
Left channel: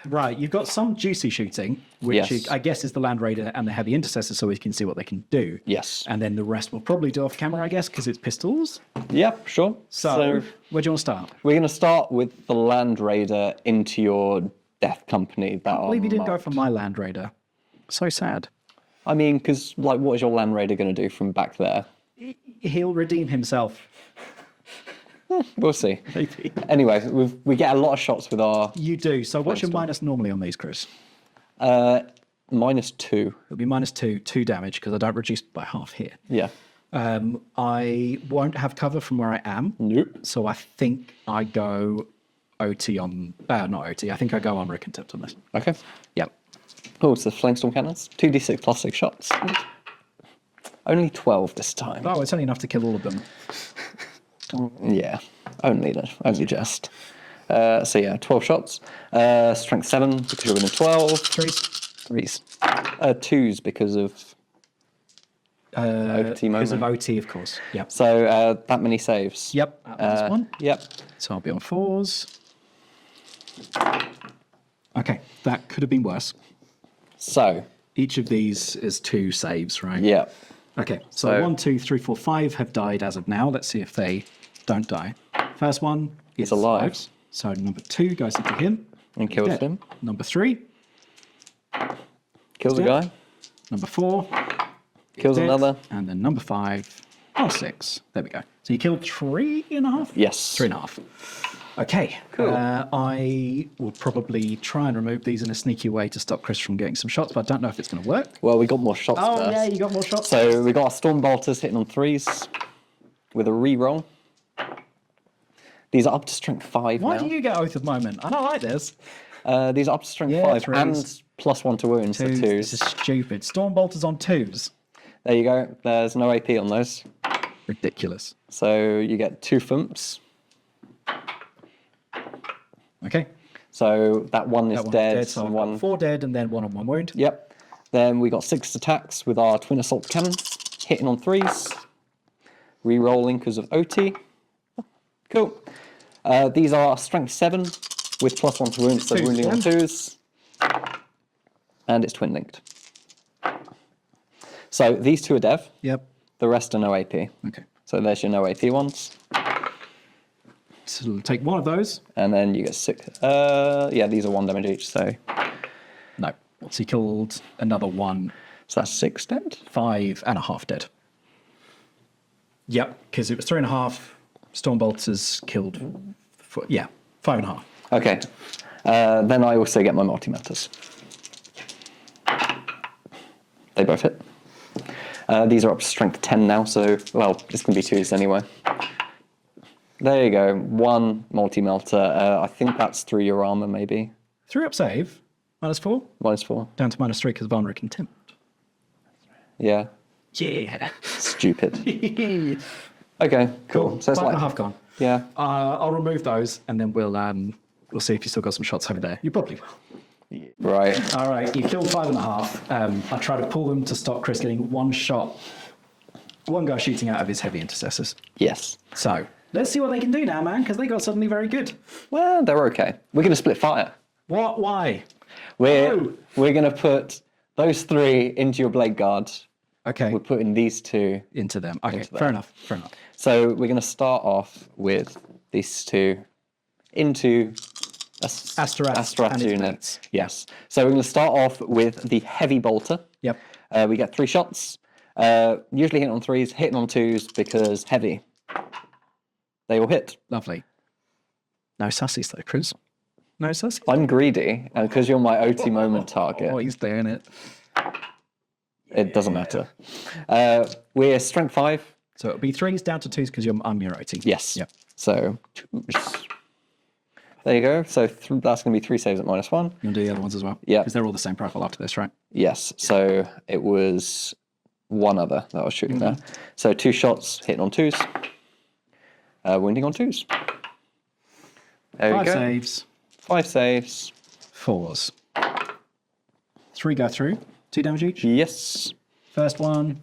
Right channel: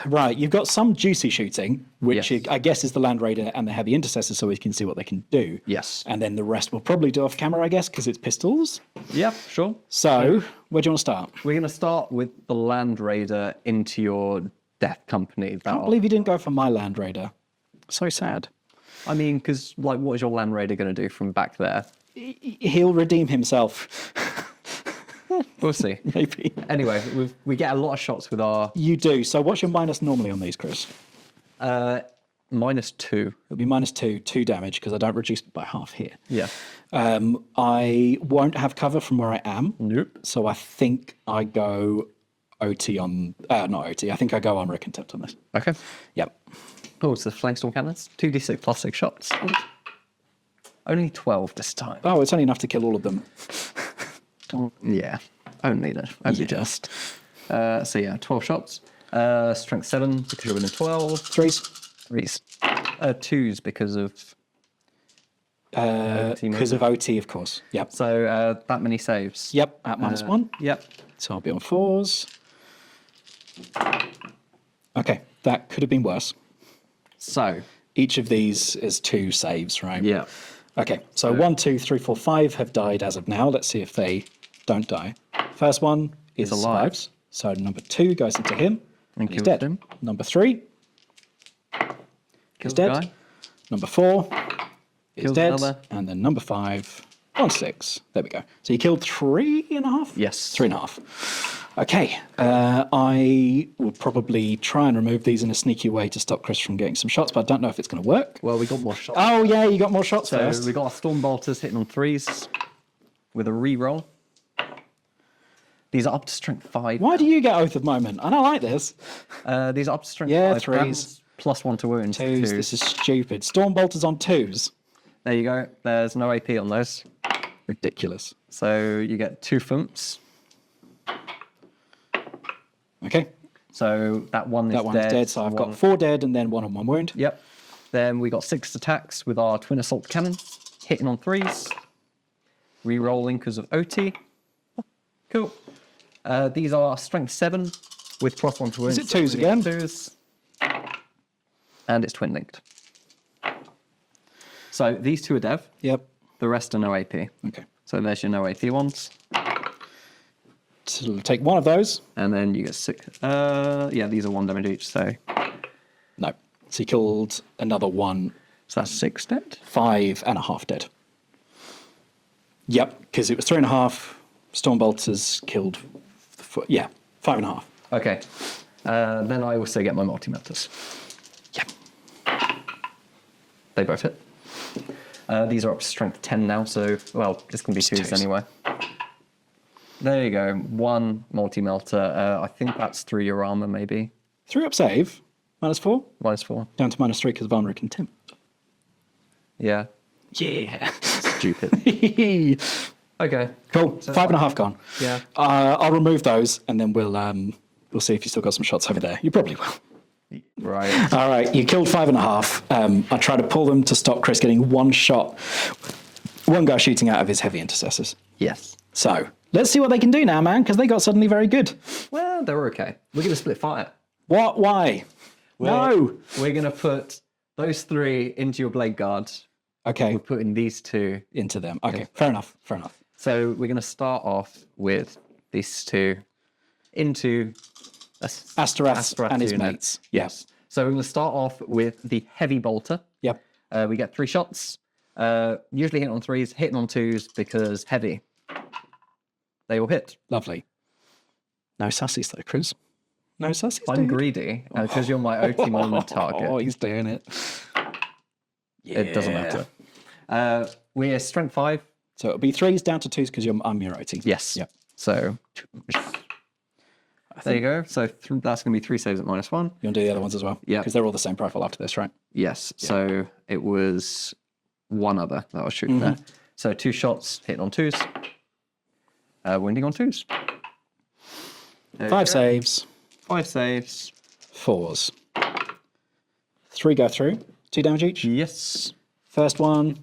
Right, you've got some juicy shooting, which Yes. I guess is the Land Raider and the Heavy Intercessor, so we can see what they can do. Yes. And then the rest we'll probably do off camera, I guess, because it's pistols. Yep, sure. So, where do you want to start? We're going to start with the Land Raider into your Death Company battle. I believe you didn't go for my Land Raider. So sad. I mean, because what is your Land Raider going to do from back there? He'll redeem himself. We'll see. Maybe. Anyway, we get a lot of shots with our You do. So what's your minus normally on these, Chris? -2. It'll be -2 damage because I don't reduce it by half here. Yeah. I won't have cover from where I am. Nope. So I think I go OT on... not OT. I think I go on Rick Contempt on this. Okay. Yep. Oh, it's the Flamestorm Cannons. 2d6 plus 6 shots. Only 12 this time. Oh, it's only enough to kill all of them. Yeah. Only just. So yeah, 12 shots. Strength 7 because you're within 12. Threes. 2s because of OT Because of moment. OT, of course. Yep. So that many saves. Yep, at -1. Yep. So I'll be on 4s. Okay, that could have been worse. So Each of these is 2 saves, right? yeah. Okay, so 1, 2, 3, 4, 5 have died as of now. Let's see if they don't die. First one is alive. survives. So number 2 goes into him. And He's kills dead. him. Number 3, Kills the dead. guy. number 4, he's Kills dead. another. And then number 5 on 6. There we go. So you killed 3.5? Yes. 3.5. Okay, I will probably try and remove these in a sneaky way to stop Chris from getting some shots, but I don't know if it's going to work. Well, we got more shots. Oh, first. yeah, you got more shots. So first. we got our Storm Bolters hitting on 3s with a re-roll. These are up to strength 5. Why now. do you get Oath of Moment? I don't like this. These are up to strength Yeah, 5 threes. and +1 to wounds. So 2s. 2s. This is stupid. Storm Bolters on 2s. There you go. There's no AP on those. Ridiculous. So you get 2 thumps. Okay. So that one is That one's dead. dead. So I've got 4 dead and then 1 on 1 wound. Yep. Then we got 6 attacks with our twin assault cannon, hitting on 3s, re-rolling because of OT. Cool. These are strength 7 with +1 to wounds. it twos again? 2s. And it's twin linked. So these 2 are dev. Yep. The rest are no AP. Okay. So there's your no AP ones. So we'll take 1 of those. And then you get 6. Yeah, these are 1 damage each. So No. So he killed another 1. that's 6 dead. 5.5 dead. Yep, because it was 3.5. Stormbolters killed, 5.5. Okay. Then I also get my multi-melters. Yep. They both hit. These are up to strength 10 now, so, well, this can be 2s anyway. There you go. 1 multi-melter. I think that's through your armor, maybe. 3 up save. -4. -4. Down to -3 because of armor contempt. Yeah. Yeah. Stupid. Okay. Cool. So it's 5.5 gone. Yeah. I'll remove those and then we'll see if you still got some shots over there. You probably will. Right. All right, you killed 5.5. I try to pull them to stop Chris getting 1 shot. 1 guy shooting out of his heavy intercessors. Yes. So let's see what they can do now, man, because they got suddenly very good. Well, they're okay. We're going to split fire. What? Why? We're going to put those 3 into your blade guard. Okay. We're putting these 2 Into them. Okay, fair enough. Fair enough. So we're going to start off with these 2 into Asterath and his mates. Yes. So we're going to start off with the heavy bolter. Yep. We get 3 shots. Usually hitting on 3s, hitting on 2s because heavy. They all hit. Lovely. No sussies though, Chris. No sussies. I'm greedy because you're my OT moment target. Oh, he's doing it. It doesn't matter. We're strength 5. So it'll be 3s down to 2s because I'm your OT. Yes. Yep. So there you go. So that's going to be 3 saves at -1. You want to do the other ones as well? Yeah. Because they're all the same profile after this, right? Yes. So it was 1 other that I was shooting there. So 2 shots hitting on 2s, wounding on 2s. There you 5 go. saves, 5 saves. 4s. 3 go through. 2 damage each. Yes. First one,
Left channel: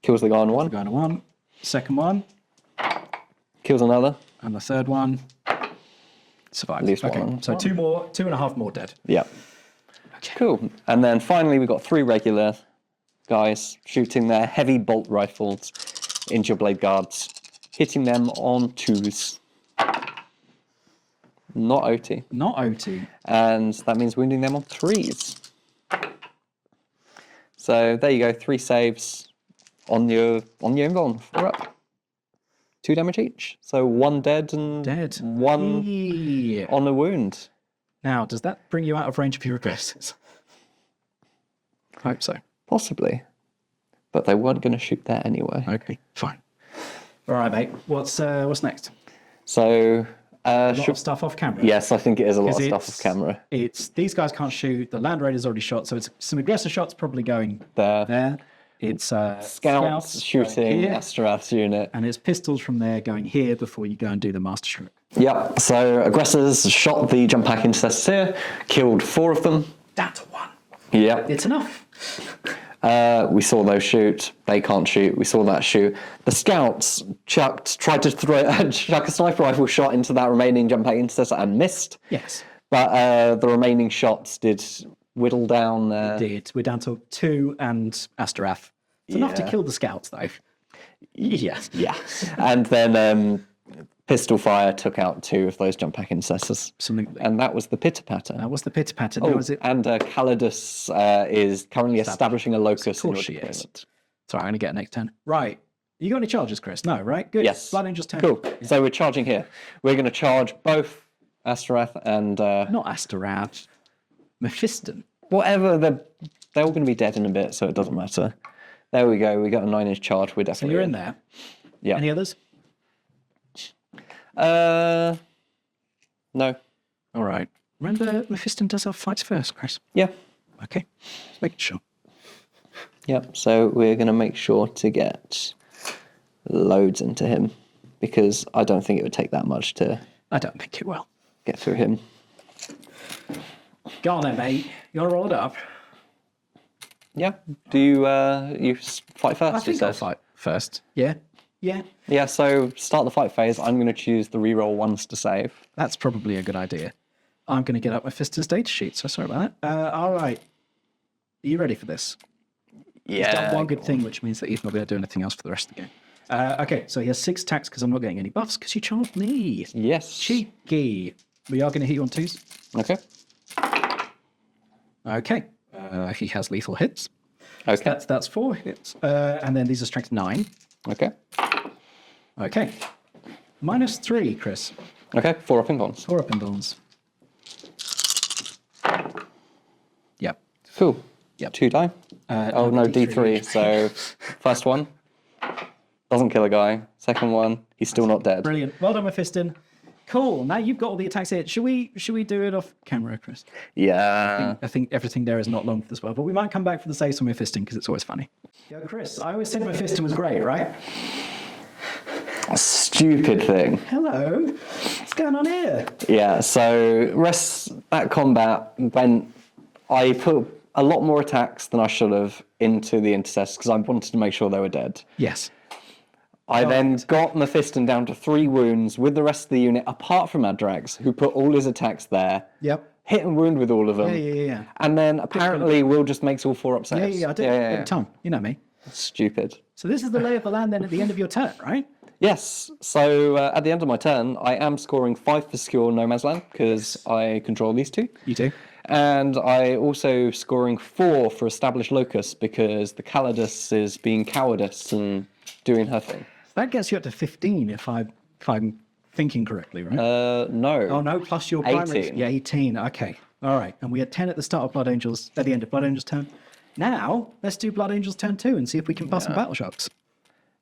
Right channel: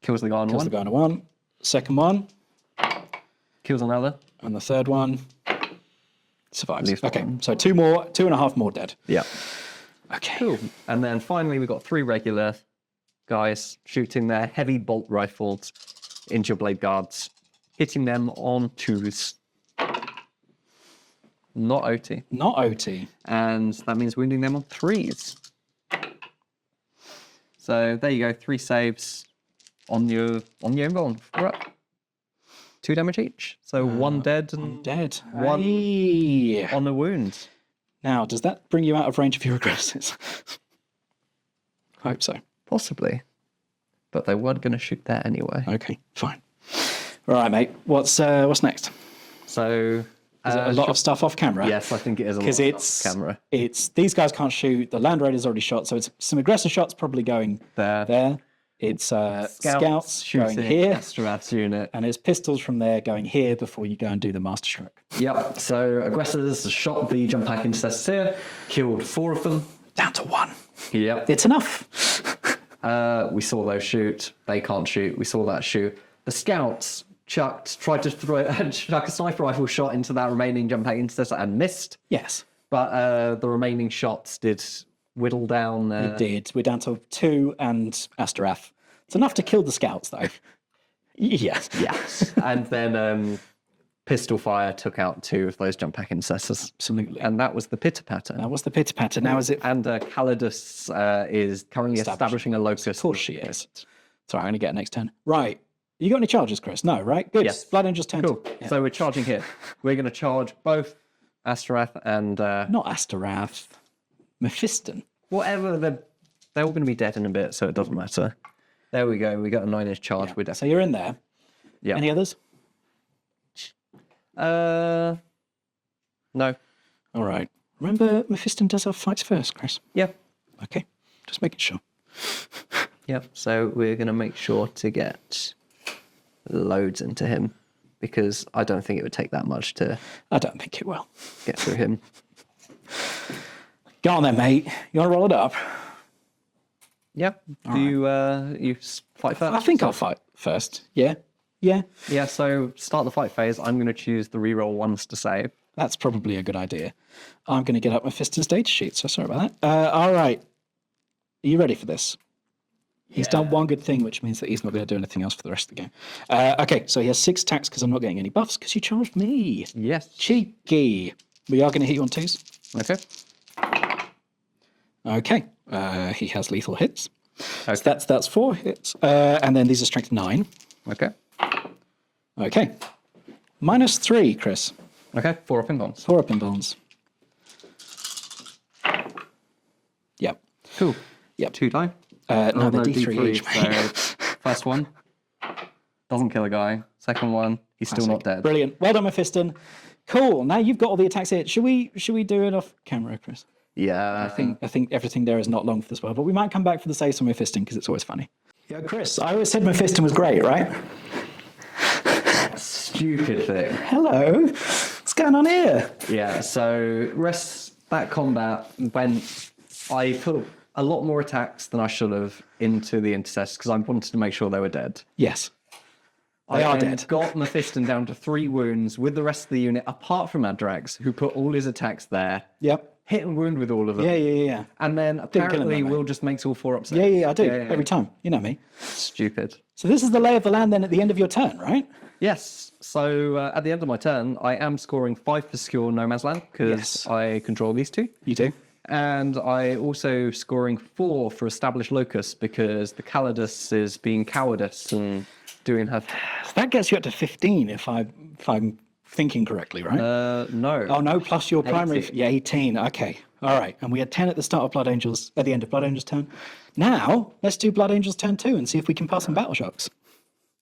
Kills the guy on kills 1. the guy on 1. Second one, Kills another. and the third one survives. Leaves Okay, one. so 2.5 more dead. Yeah. Okay. Cool. And then finally, we've got 3 regular guys shooting their heavy bolt rifles into your blade guards, hitting them on 2s. Not OT. Not OT. And that means wounding them on 3s. So there you go, 3 saves on your invuln. We're up. 2 damage each. So 1 dead and Dead. 1 Hey. on a wound. Now, does that bring you out of range of your aggressors? I hope so. Possibly. But they weren't going to shoot that anyway. Okay, fine. All right, mate. What's next? So A lot of stuff off camera. yes, I think it is a lot of 'Cause stuff off camera. It's these guys can't shoot. The Land Raider's already shot, so it's some aggressive shots probably going There. It's scouts Scouts shooting shooting here, Asterath's unit. and it's pistols from there going here before you go and do the master stroke. Yep. So aggressors shot the jump pack intercessors here, killed 4 of them. Down to 1. Yep. It's enough. We saw those shoot. They can't shoot. We saw that shoot. The scouts tried to chuck a sniper rifle shot into that remaining jump pack intercessor and missed. Yes, But the remaining shots did whittle down there. we're down to 2 and Asterath. It's enough to kill the scouts, though. Yes. Yeah. And then pistol fire took out 2 of those jump pack intercessors. Absolutely. And that was the pitter patter. Now, what's the pitter patter? Now is it? And Calidus is currently establishing a locus. Of course she is. Sorry, I'm going to get an next 10. Right. You got any charges, Chris? No, right? Good. Yes. Blood Angel's 10. Cool. Yeah. So we're charging here. We're going to charge both Asterath and Not Asterath. Mephiston. whatever. They're all going to be dead in a bit, so it doesn't matter. There we go. We got a 9-inch charge. We're So definitely. you're in there. Yeah. Any others? No. All right. Remember, Mephiston does our fights first, Chris. Yeah. Okay. Just making sure. Yep. So we're going to make sure to get loads into him. because I don't think it would take that much to I don't think it will. get through him. Go on then, mate. You're rolled up. Yeah. Do you fight first? I think I'll yourself? fight first. Yeah. Yeah. Yeah, so start the fight phase. I'm going to choose the reroll ones to save. That's probably a good idea. I'm going to get up my Fiston's data sheet, so sorry about that. All right. Are you ready for this? He's done one good thing, which means that he's not going to do anything else for the rest of the game. Okay, so he has 6 attacks because I'm not getting any buffs because you charged me. Yes. Cheeky. We are going to hit you on 2s. Okay. Okay. He has lethal hits. Okay. That's 4 hits. And then these are strength 9. Okay. Okay. -3, Chris. Okay, 4 up and downs. 4 up and downs. Yep. Cool. Yep. 2 die. No, no, D3 D3. each. So, first one doesn't kill a guy. Second one, he's still not dead. Brilliant. Well done, Mephiston. Cool. Now you've got all the attacks here. Should we do it off camera, Chris? Yeah. I think everything there is not long for this world, but we might come back for the saves on Mephiston because it's always funny. Yeah, Chris, I always said Mephiston was great, right? Stupid thing. Hello. What's going on here? Yeah, so that combat when I put a lot more attacks than I should have into the intercessors because I wanted to make sure they were dead. Yes. I then got Mephiston down to 3 wounds with the rest of the unit, apart from Adrax, who put all his attacks there. Yep. Hit and wound with all of them. Yeah. And then apparently Will just makes all 4 upsets. Yeah, I do. Every time. You know me. Stupid. So this is the lay of the land then at the end of your turn, right? Yes. So at the end of my turn, I am scoring 5 for secure no man's land because I control these 2. You do. And I also scoring 4 for established locus because the Calidus is being cowardice and doing her thing. That gets you up to 15 if I'm thinking correctly, right? No. Oh no, plus your primary. 18. Yeah, 18. Okay. All right. And we had 10 at the start of Blood Angels, at the end of Blood Angels' turn. Now, let's do Blood Angels' turn 2 and see if we can pass some battle shocks.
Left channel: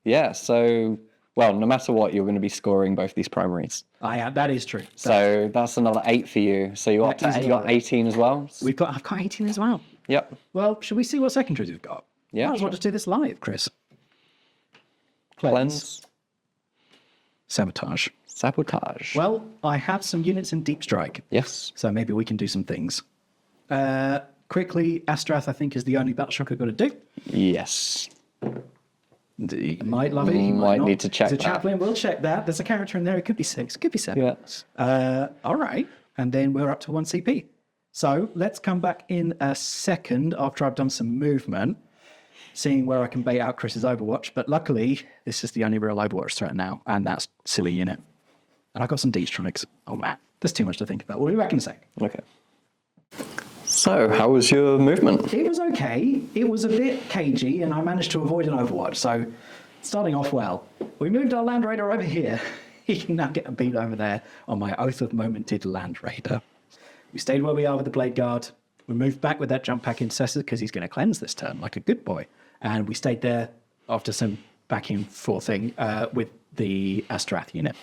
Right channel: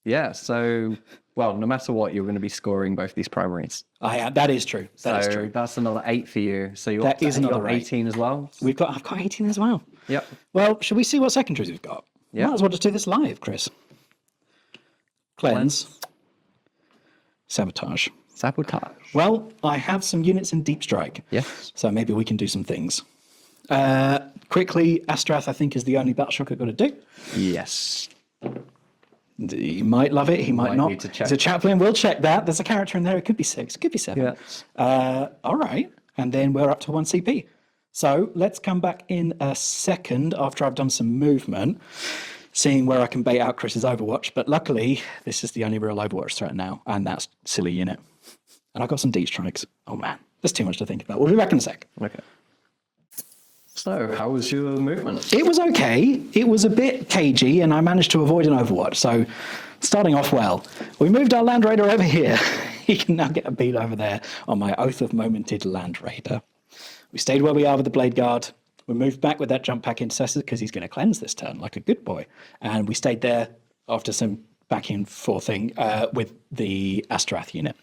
Yeah, so, well, no matter what, you're going to be scoring both these primaries. That is true. So that's another 8 for you. So you got 18 as well. I've got 18 as well. Yep. Well, should we see what secondaries we've got? Yeah. Might as well just do this live, Chris. Cleanse. Sabotage. Sabotage. Well, I have some units in Deep Strike. Yes. So maybe we can do some things. Quickly, Astrath, I think, is the only battle shock I've got to do. Yes. He might love it, he might not. Need to check He's a that. chaplain, we'll check that. There's a character in there, it could be 6, it could be 7. Yes. All right, and then we're up to 1 CP. So let's come back in a second after I've done some movement, seeing where I can bait out Chris's Overwatch. But luckily, this is the only real Overwatch threat now, and that's silly unit. And I got some D strikes. Oh man, there's too much to think about. We'll be back in a sec. Okay. So, how was your movement? It was okay. It was a bit cagey, and I managed to avoid an Overwatch. So, starting off well. We moved our Land Raider over here. He can now get a beat over there on my Oath of Momented Land Raider. We stayed where we are with the Blade Guard. We moved back with that jump pack intercessor because he's going to cleanse this turn like a good boy. And we stayed there after some back and forthing with the Astrath unit.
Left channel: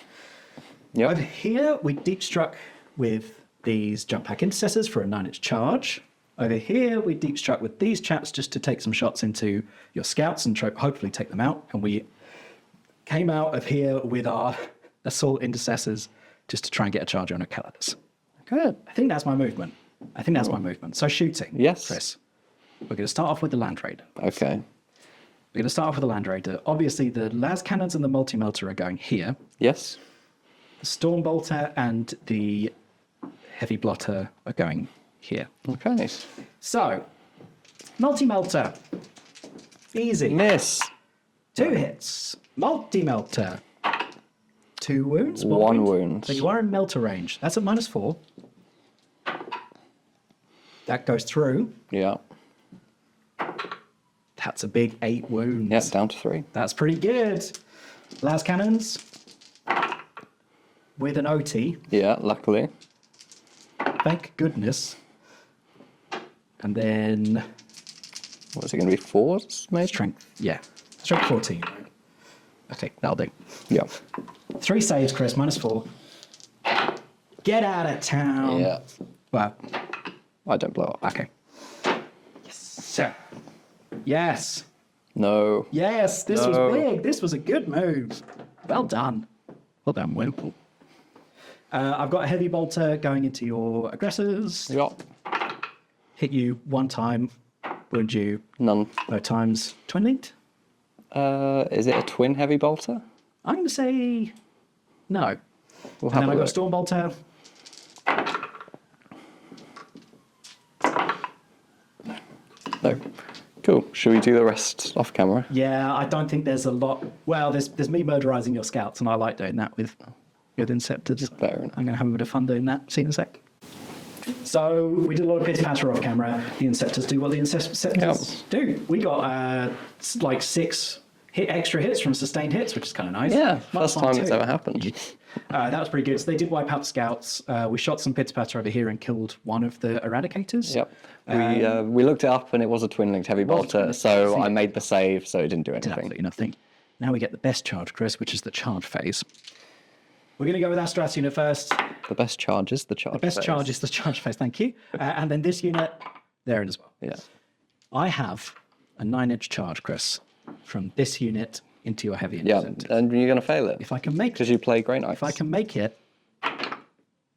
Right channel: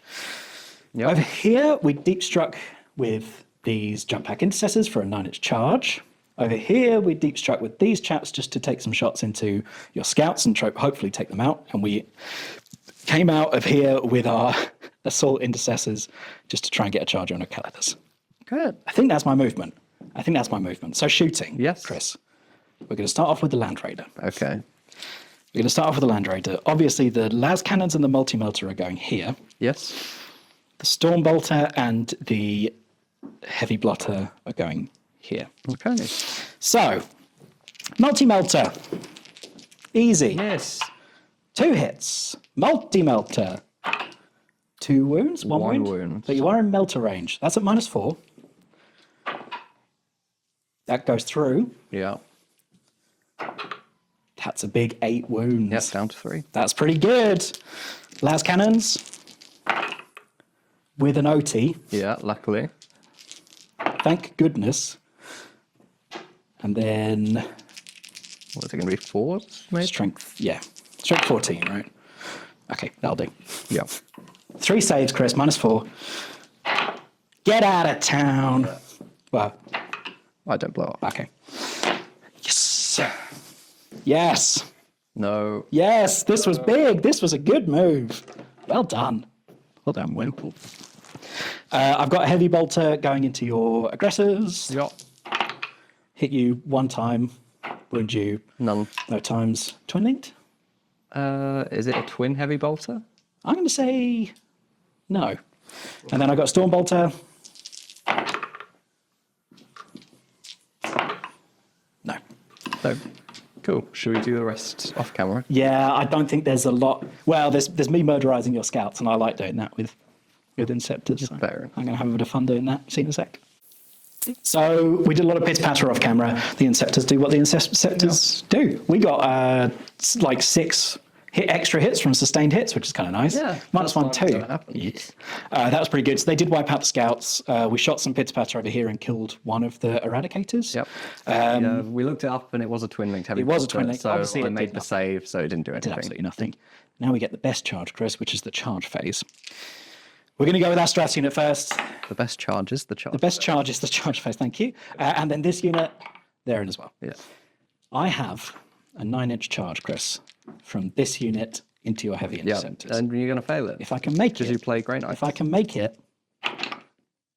Yep. Over here, we deep struck with these jump pack intercessors for a 9-inch charge. Over here, we deep struck with these chaps just to take some shots into your scouts and hopefully take them out. And we came out of here with our assault intercessors just to try and get a charge on a Calidus. Good. I think that's my movement. So shooting, Yes. Chris. We're going to start off with the Land Raider. Okay. We're going to start off with the Land Raider. Obviously, the las cannons and the multi-melter are going here. Yes. The Storm Bolter and the Heavy Blotter are going here. Okay. So, multi-melter. Easy. Miss. 2 hits. Multi-melter. 2 wounds? 1 wound. So you are in melter range. That's at -4. That goes through. Yeah. That's a big 8 wounds. Yep, down to 3. That's pretty good. Las cannons with an OT. Yeah, luckily. Thank goodness. And then What is it going to be? 4? Maybe? strength. Yeah. Strength 14, right? Okay, that'll do. Yeah. 3 saves, Chris. -4. Get out of town. Yeah. Well, I don't blow up. okay. Yes. Yes. No. Yes. This was big. This was a good move. Well done. Well done, Will. I've got a heavy bolter going into your aggressors. Yep. Hit you one time. Wound you None. no times. Twin linked? Is it a twin heavy bolter? I'm going to say no. And then I've got a storm bolter. No. No. Cool. Should we do the rest off camera? Yeah, I don't think there's a lot. Well, there's me murderizing your scouts, and I like doing that with Inceptors. Fair enough. I'm going to have a bit of fun doing that. See you in a sec. So we did a lot of pitter patter off camera. The Inceptors do what the Inceptors do. We got like 6 extra hits from sustained hits, which is kind of nice. Yeah, Minus first time 1, it's 2. ever happened. That was pretty good. So they did wipe out the scouts. We shot some pitter patter over here and killed one of the eradicators. Yep. We looked it up and it was a twin linked heavy was a bolter, twin-linked. so Obviously, I it made did the save, so it didn't do Did anything. absolutely nothing. Now we get the best charge, Chris, which is the charge phase. We're going to go with our strats unit first. The best charge is the charge. The best phase. charge is the charge phase, thank you. And then this unit, there as well. Yeah. I have a 9-inch charge, Chris, from this unit into your heavy Yeah, interceptors. and you're going to fail it. If I can make Because it, you play Grey Knights. if I can make it,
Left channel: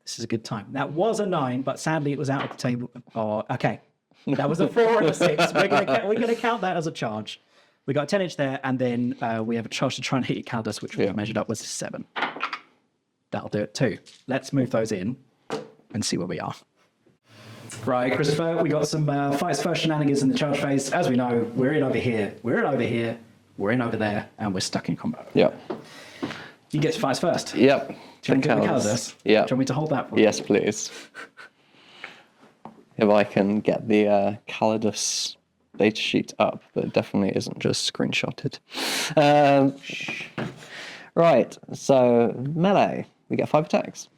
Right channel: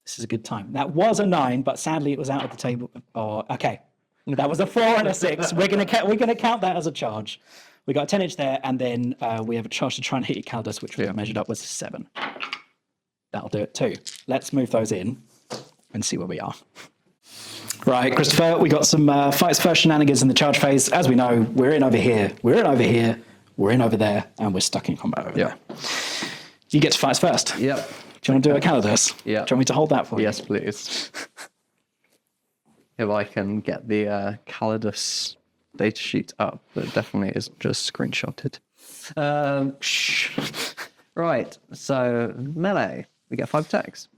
this is a good time. That was a 9, but sadly it was out of the table. Oh, okay. That was a 4 and a 6. We're gonna count that as a charge. We got a 10-inch there, and then we have a charge to try and hit your Caldus, which we measured up was 7. That'll do it too. Let's move those in and see where we are. Right, Christopher, we got some fights first shenanigans in the charge phase. As we know, we're in over here, we're in over here, we're in over there, and we're stuck in combat over there. You get to fight first. Yep. Do you want to do a Caldus? Yeah. Do you want me to hold that for you? Yes, please. If I can get the Calidus data sheet up, but it definitely isn't just screenshotted. Right, so melee, we get 5 attacks.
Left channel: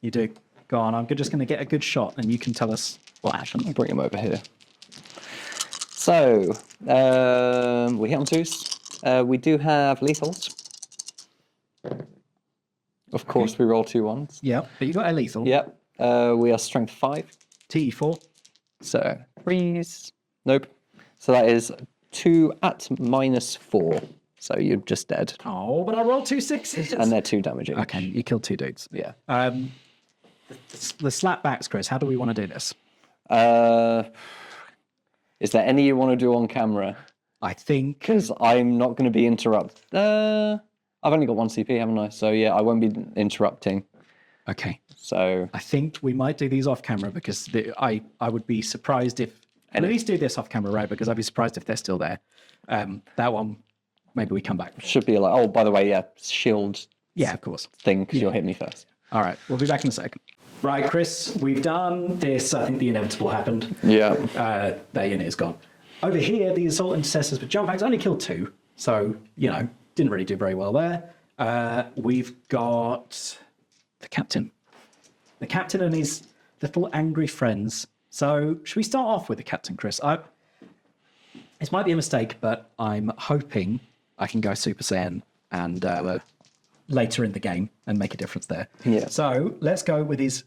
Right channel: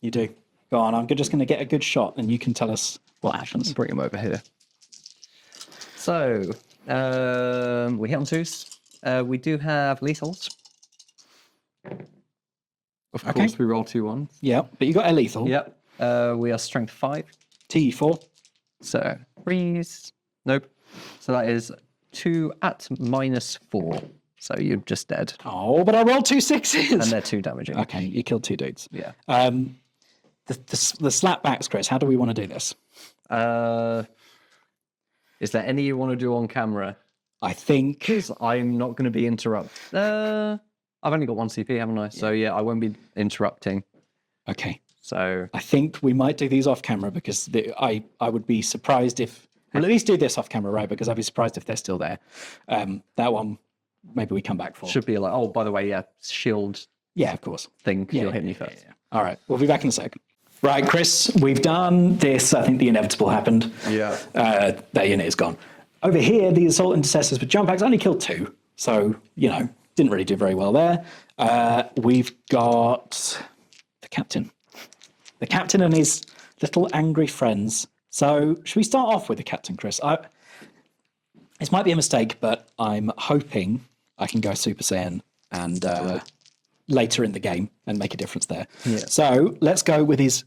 You do. Go on, I'm just going to get a good shot, and you can tell us what happens. Bring him over here. So, we hit on 2s. We do have lethals. Of course, we roll 2 1s. Yeah, but you got a lethal. Yep. We are strength 5. T4. So, freeze. Nope. So that is 2 at -4. So you're just dead. Oh, but I rolled 2 6s. And they're 2 damaging. Okay, you killed 2 dudes. Yeah. The slap backs, Chris. How do we want to do this? Is there any you want to do on camera? I think Because I'm not going to be interrupted. I've only got 1 CP, haven't I? So yeah, I won't be interrupting. okay. So I think we might do these off camera because I would be surprised if and at least do this off camera, right? Because I'd be surprised if they're still there. That one, maybe we come back for. should be like, oh, by the way, yeah, shield Yeah, of course. thing, because you'll hit me first. All right, we'll be back in a second. Right, Chris, we've done this. I think the inevitable happened. Yeah. That unit is gone. Over here, the assault intercessors with jump packs only killed 2, so didn't really do very well there. We've got the captain and his little angry friends. So should we start off with the captain, Chris? This might be a mistake, but I'm hoping I can go Super Saiyan and later in the game and make a difference there. Yeah. So let's go with his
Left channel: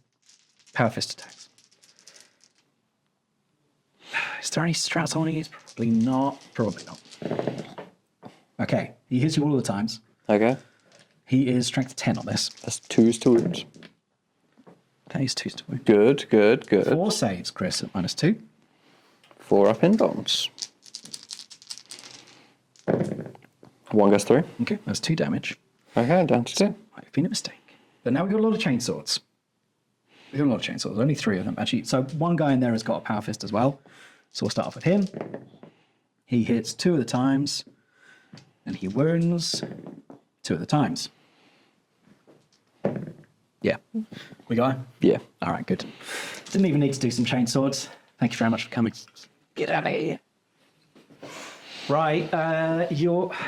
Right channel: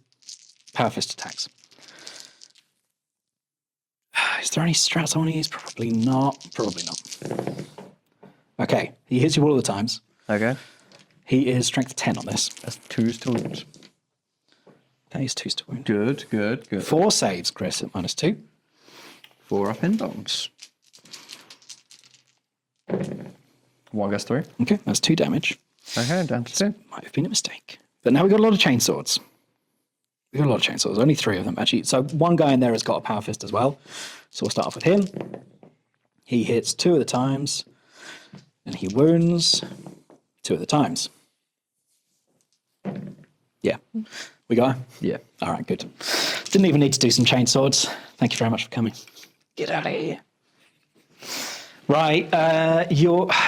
power fist attacks. Is there any strats on these? Probably not. Probably not. Okay, he hits you all of the times. Okay. He is strength 10 on this. That's 2s to wound. Okay, he's 2 to wound. Good, good, good. 4 saves, Chris, at -2. 4 up in bombs. 1 goes through. Okay, that's 2 damage. Okay, down to 2. Might have been a mistake. But now we've got a lot of chainswords. We've got a lot of chainsaws. Only 3 of them, actually. So one guy in there has got a power fist as well. So we'll start off with him. He hits 2 of the times. And he wounds 2 of the times. Yeah. We got him? Yeah. All right, good. Didn't even need to do some chainswords. Thank you very much for coming. Get out of here. Right,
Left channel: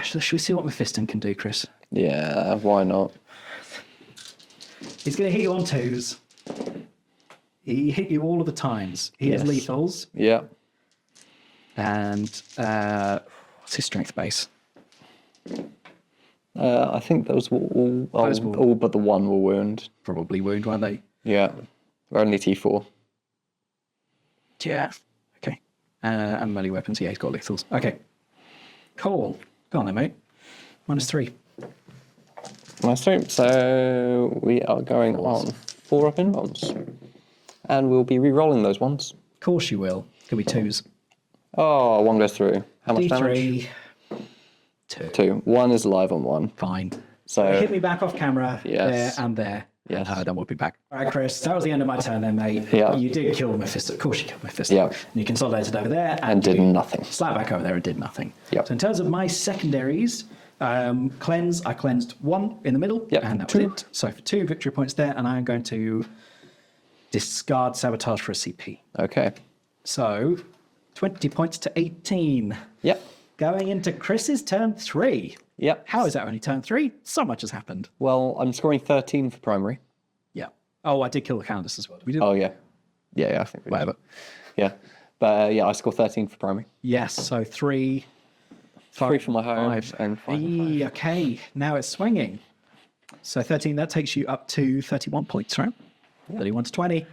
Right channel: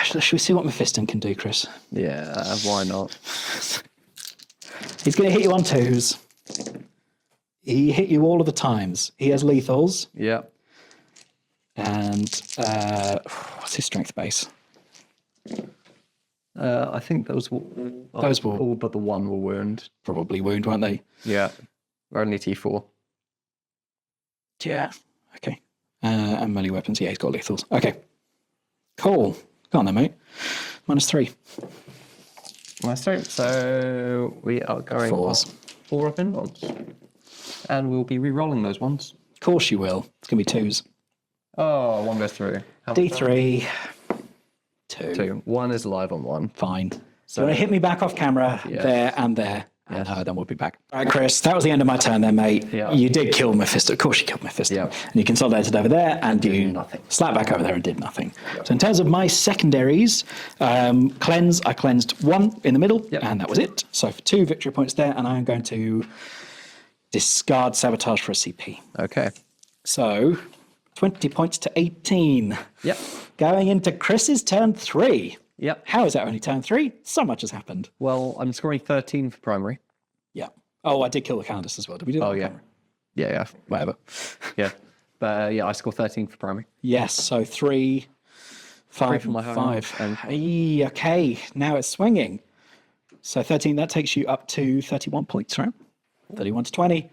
should we see what Mephiston can do, Chris? Yeah, why not? He's going to hit you on 2s. He hit you all of the times. He has lethals. Yeah. And what's his strength base? I think those were all but the 1 were wound. Probably wound, weren't they? Yeah. Only T4. Yeah. Okay. And melee weapons. Yeah, he's got lethals. Okay. Cool. Go on then, mate. -3. Maestro. So we are going Fours. on 4 up in bonds. And we'll be re-rolling those ones. Of course you will. It's going to be 2s. Oh, 1 goes through. How much damage? D3. 2. 2. 1 is live on 1. Fine. So Hit me back off camera. Yes. There and there. Yes. Then we'll be back. All right, Chris. That was the end of my turn then, mate. Yeah. You did kill Mephisto. Of course you killed Mephisto. Yeah. And you consolidated over there and did you nothing. Slapped back over there and did nothing. Yep. So in terms of my secondaries, cleanse, I cleansed 1 in the middle. Yep. And that was it. So for 2 victory points there, and I'm going to discard sabotage for a CP. Okay. So 20 points to 18. Yep. Going into Chris's turn 3. Yep. How is that only turn 3? So much has happened. Well, I'm scoring 13 for primary. Yeah. Oh, I did kill the Countess as well. Did we do that? Oh, yeah. Yeah, I think we did. Whatever. Yeah. But yeah, I score 13 for primary. Yes, so 3, 3 for my high 5. and 5. Okay, now it's swinging. So 13, that takes you up to 31 points, right? 31 to 20.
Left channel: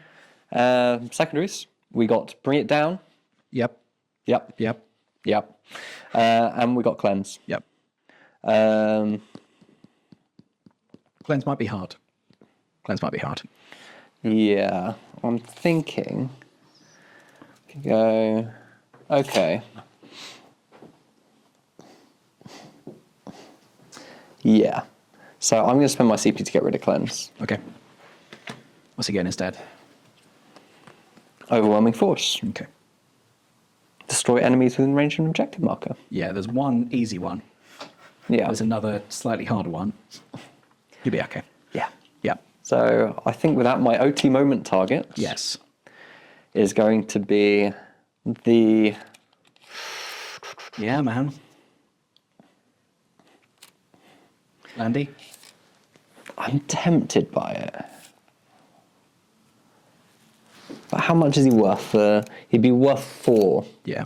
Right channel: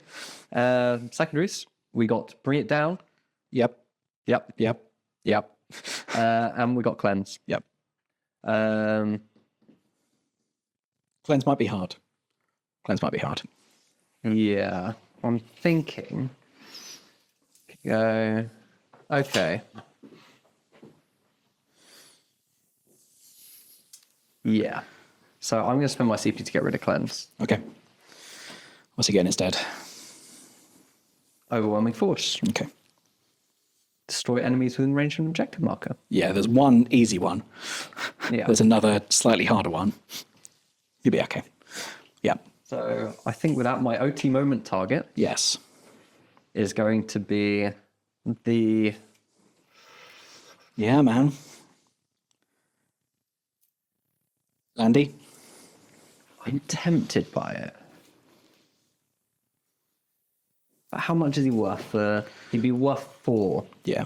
Secondaries, we got Bring It Down. Yep, Yep. yep, Yep. And we got Cleanse. yep. Um, Cleanse might be hard. Cleanse might be hard. yeah, I'm thinking. Go. Okay. Yeah. So I'm going to spend my CP to get rid of Cleanse. Okay. What's he getting instead? Overwhelming Force. Okay. Destroy enemies within range of an objective marker. Yeah, there's one easy one. Yeah. There's another slightly harder one. You'll be okay. Yeah. Yeah. So I think with that, my OT moment target Yes. is going to be the... Yeah, man. Landy? I'm tempted by it. But how much is he worth? He'd be worth 4. Yeah.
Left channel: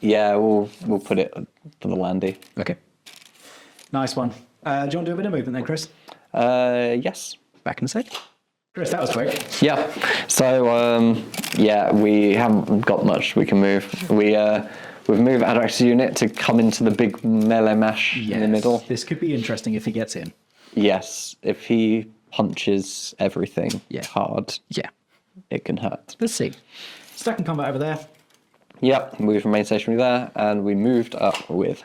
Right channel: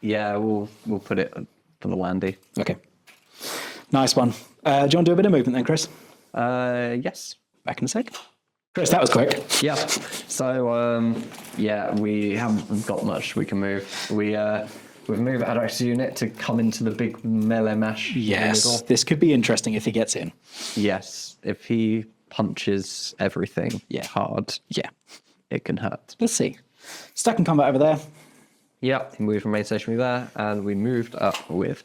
Yeah, we'll put it for the Landy. Okay. Nice one. Do you want to do a bit of movement then, Chris? Yes. Back in a sec. Chris, that was quick. Yeah. So yeah, we haven't got much we can move. We've moved Adrax's unit to come into the big melee mash in the middle. Yes. This could be interesting if he gets in. Yes. If he punches everything hard, Yeah. it can hurt. Let's see. Stack and combat over there. Yep. We've remained stationary there, and we moved up with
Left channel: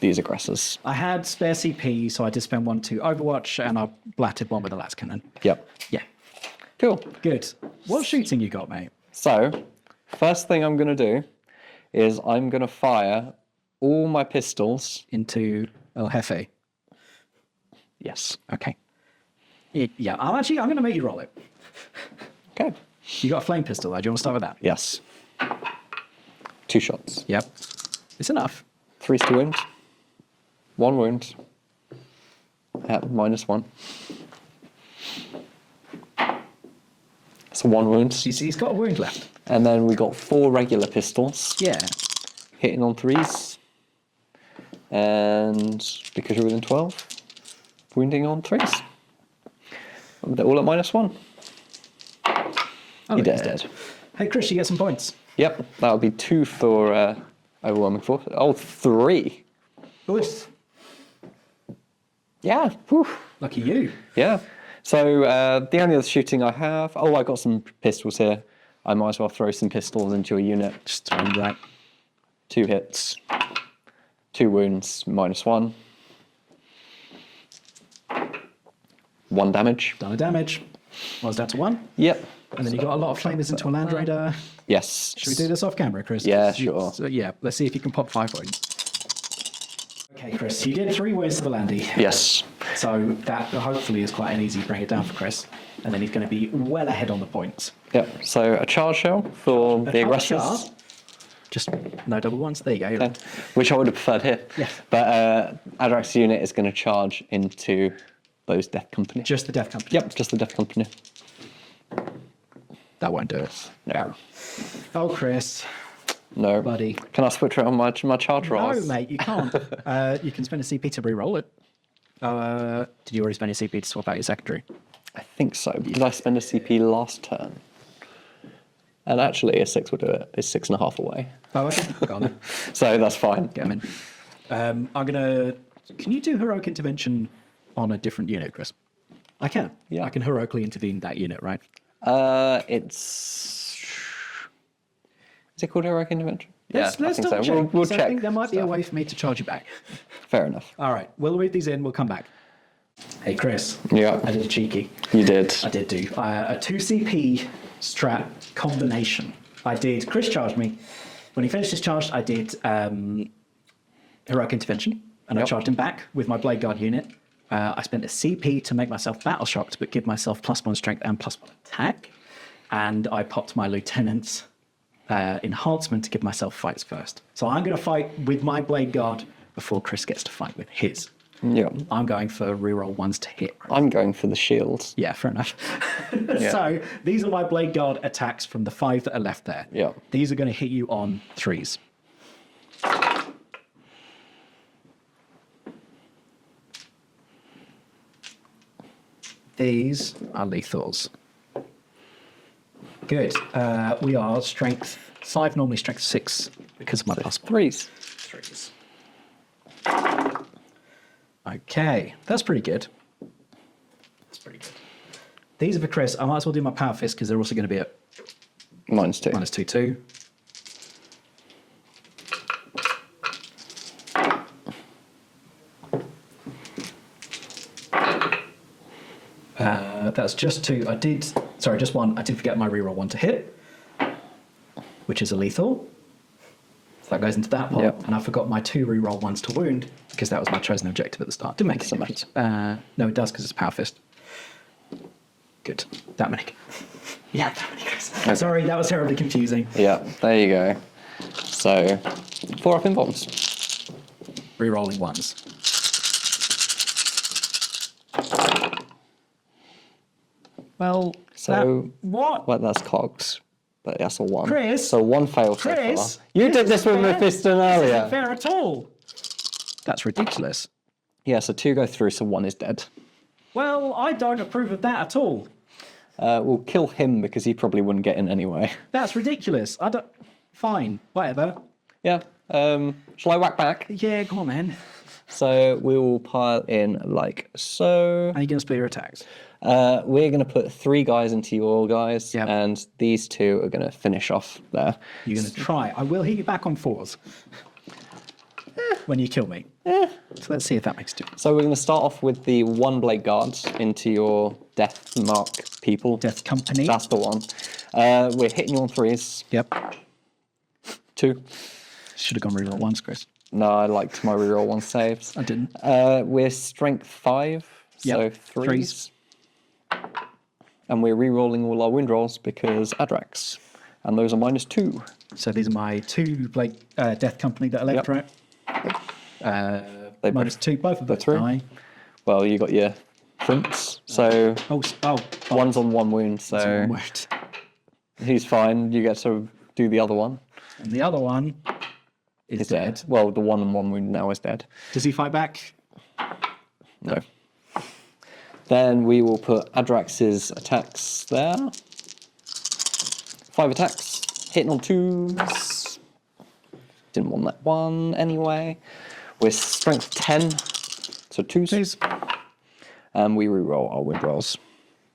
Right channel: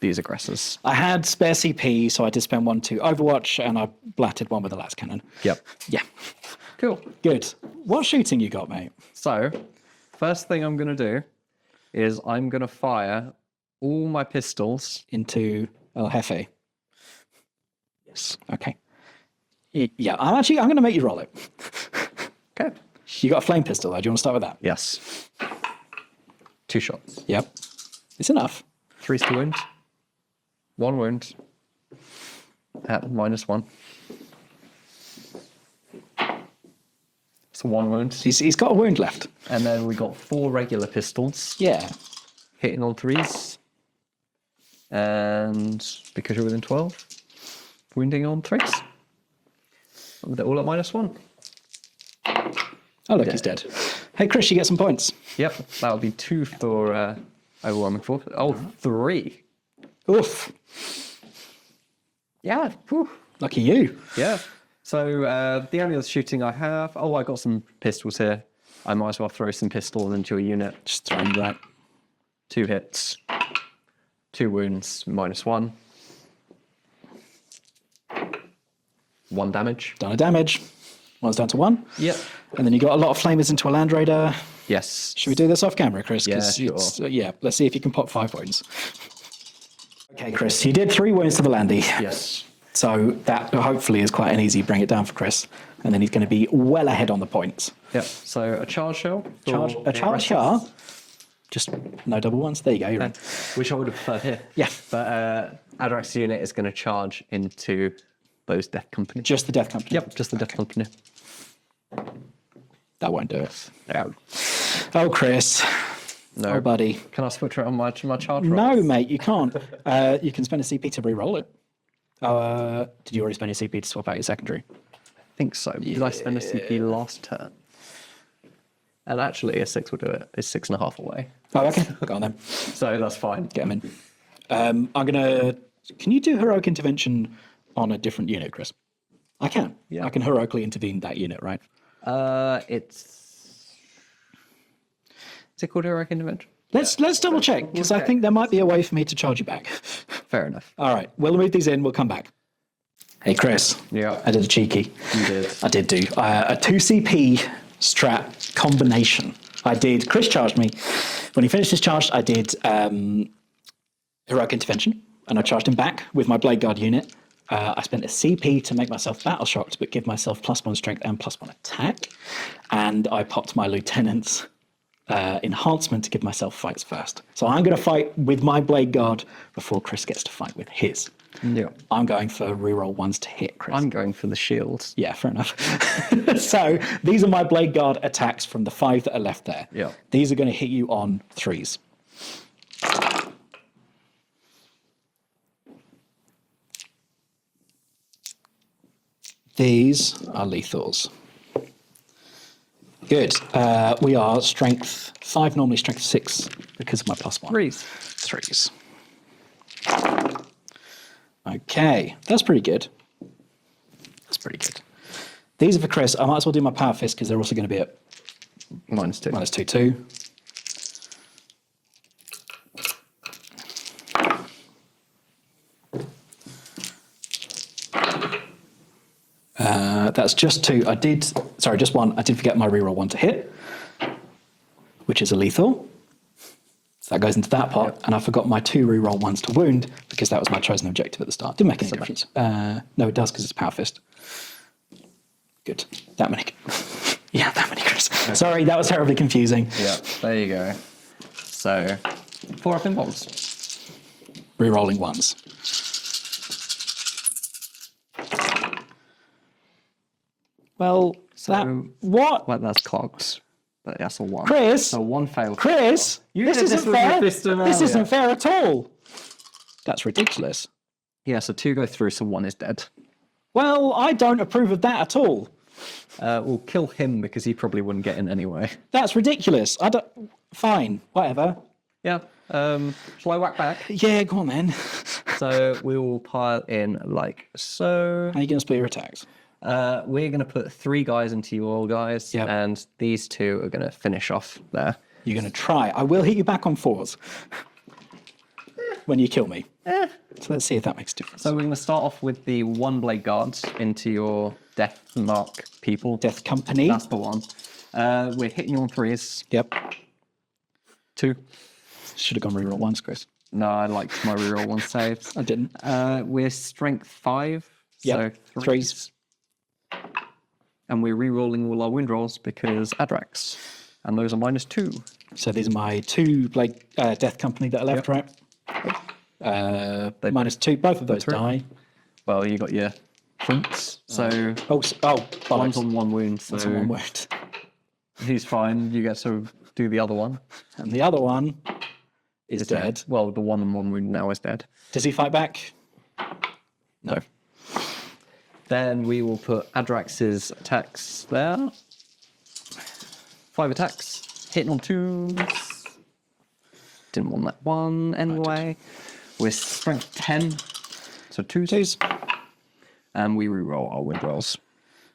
these aggressors. I had spare CP, so I did spend 1 to Overwatch, and I blatted 1 with the las cannon. Yep. Yeah. Cool. Good. What shooting you got, mate? So, first thing I'm going to do is I'm going to fire all my pistols. Into El Jefe. Yes. Okay. Yeah, I'm going to make you roll it. Okay. You got a flame pistol, though. Do you want to start with that? Yes. 2 shots. Yep. It's enough. 3 to wound. 1 wound. At -1. So 1 wound. He's got a wound left. And then we got 4 regular pistols. Yeah. Hitting on 3s. And because you're within 12, wounding on 3s. They're all at -1. Oh, look, He he's dead. dead. Hey, Chris, you get some points. Yep, that would be 2 for overwhelming force. Oh, 3. Oof. Yeah. Whew. Lucky you. Yeah. So the only other shooting I have. Oh, I got some pistols here. I might as well throw some pistols into a unit. Just throw him that. 2 hits. 2 wounds. -1. 1 damage. Done a damage. One's down to 1. Yep. And then you got a lot of flamers into a Land Raider. Yes. Should we do this off camera, Chris? Yeah, 'Cause sure. Yeah, let's see if you can pop 5 wounds. Okay, Chris, you did 3 wounds to the Landy. Yes. So that hopefully is quite an easy bring it down for Chris. And then he's going to be well ahead on the points. Yep. So a charge shell for A the charge shell? aggressors. Just no double ones. There you go. Okay. Which I would have preferred here. Yeah. But Adrax's unit is going to charge into those Death Company. Just the Death Company. Yep, just the Death Company. That won't do it. No. Oh, Chris. No. Oh, buddy. Can I switch it on my charge No, rolls? mate, you can't. You can spend a CP to re-roll it. Did you already spend a CP to swap out your secondary? I think so. Did I spend a CP last turn? And actually, a 6 will do it. It's 6.5 away. Oh, okay. Go on then. So that's fine. Get him in. I'm going to... Can you do Heroic Intervention on a different unit, Chris? I can. Yeah. I can heroically intervene that unit, right? Is it called heroic intervention? Let's double check, because I think there might be a way for me to charge you back. Fair enough. All right, we'll move these in. We'll come back. Hey, Chris. Yeah. I did a cheeky. You did. I did do a 2 CP strat combination. Chris charged me. When he finished his charge, I did heroic intervention, and I charged him back with my Blade Guard unit. I spent a CP to make myself battle shocked, but give myself +1 strength and +1 attack. And I popped my lieutenant's enhancement to give myself fights first. So I'm going to fight with my Blade Guard before Chris gets to fight with his. Yeah. I'm going for reroll 1s to hit, Chris. I'm going for the shields. Yeah, fair enough. So these are my Blade Guard attacks from the 5 that are left there. Yeah. These are going to hit you on 3s. These are lethals. Good. We are strength 5, normally strength 6, because of my +1. 3s. 3s. Okay, that's pretty good. That's pretty good. These are for Chris. I might as well do my power fist because they're also going to be at -2. -2. That's just 2. Just 1. I did forget my reroll 1 to hit, which is a lethal. So that goes into that part, and I forgot my 2 reroll 1s to wound because that was my chosen objective at the start. Didn't make any difference. No, it does because it's power fist. Good. That many. Yeah, that many, Chris. Okay. Sorry, that was terribly confusing. Yeah, there you go. So, 4 up in bombs. Rerolling 1s. Well, what? Well, that's cogs. But that's a 1. Chris! So 1 failed. Chris! You did this with your fist in earlier. This isn't fair at all. That's ridiculous. Yeah, so 2 go through, so 1 is dead. Well, I don't approve of that at all. We'll kill him because he probably wouldn't get in anyway. That's ridiculous. Fine, whatever. Yeah. Shall I whack back? Yeah, go on then. So we will pile in like so. How are you going to split your attacks? We're going to put 3 guys into your guys, Yep. and these 2 are going to finish off there. You're going to try. I will hit you back on 4s when you kill me. So let's see if that makes a difference. So we're going to start off with the 1 blade guards into your death mark people. Death Company. That's the one. We're hitting you on 3s. Yep. 2. Should have gone reroll 1s, Chris. No, I liked my reroll 1 saves. I didn't. We're strength 5. Yep. So 3s. And we're re-rolling all our wind rolls because Adrax. And those are -2. So these are my 2 Blade Death Company that are left, right? They -2. Both of those die. Well, you got your prince. So one's on 1 wound. So That's one wound. he's fine. You get to do the other one. And the other one is dead. Well, the 1 on 1 wound now is dead. Does he fight back? No. Then we will put Adrax's attacks there. 5 attacks. Hitting on 2s. Didn't want that 1 anyway. We're strength 10. So 2s. And we reroll our wind rolls.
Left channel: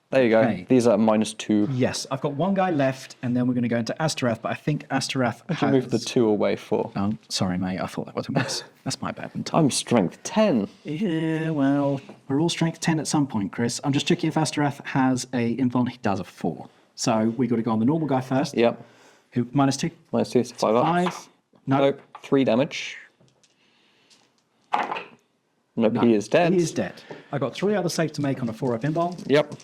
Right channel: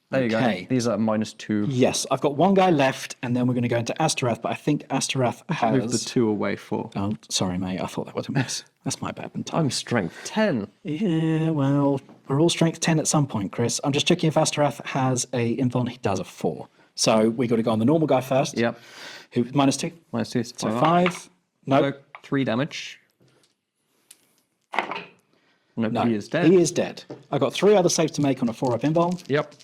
There you Okay. go. These are -2. Yes, I've got 1 guy left, and then we're going to go into Astarath, but I think Astarath has... Move the 2 away for. Oh, sorry, mate. I thought that was a miss. That's my bad. I'm strength 10. Yeah, well, we're all strength 10 at some point, Chris. I'm just checking if Astarath has a invuln. He does a 4. So we got to go on the normal guy first. Yep. Who -2? -2, so 5 So up. 5. No, 3 damage. No, he is dead. He is dead. I got 3 other saves to make on a 4-up invuln. Yep.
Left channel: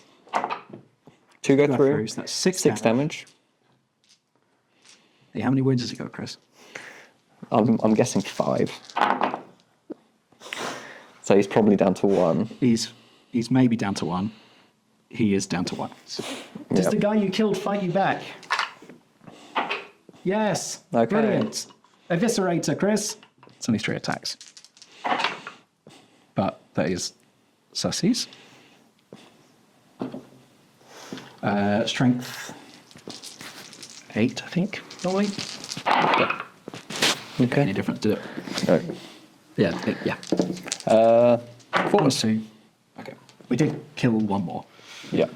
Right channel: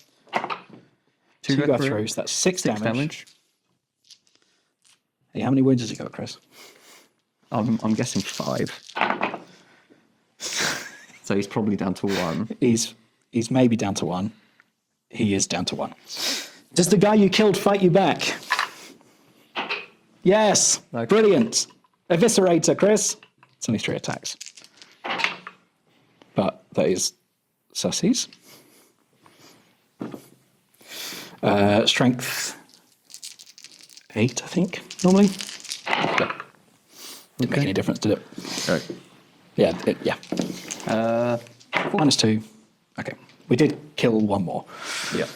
2 go through. So that's 6 6 damage. Hey, how many wounds has he got, Chris? I'm guessing 5. So he's probably down to 1. He's maybe down to 1. He is down to 1. Does the guy you killed fight you back? Yes. Okay. Brilliant. Eviscerator, Chris. It's only 3 attacks. But that is sussies. Strength 8, I think, normally. Okay. Make any difference, did it? Okay. Yeah. -2. Okay. We did kill one more. Yeah.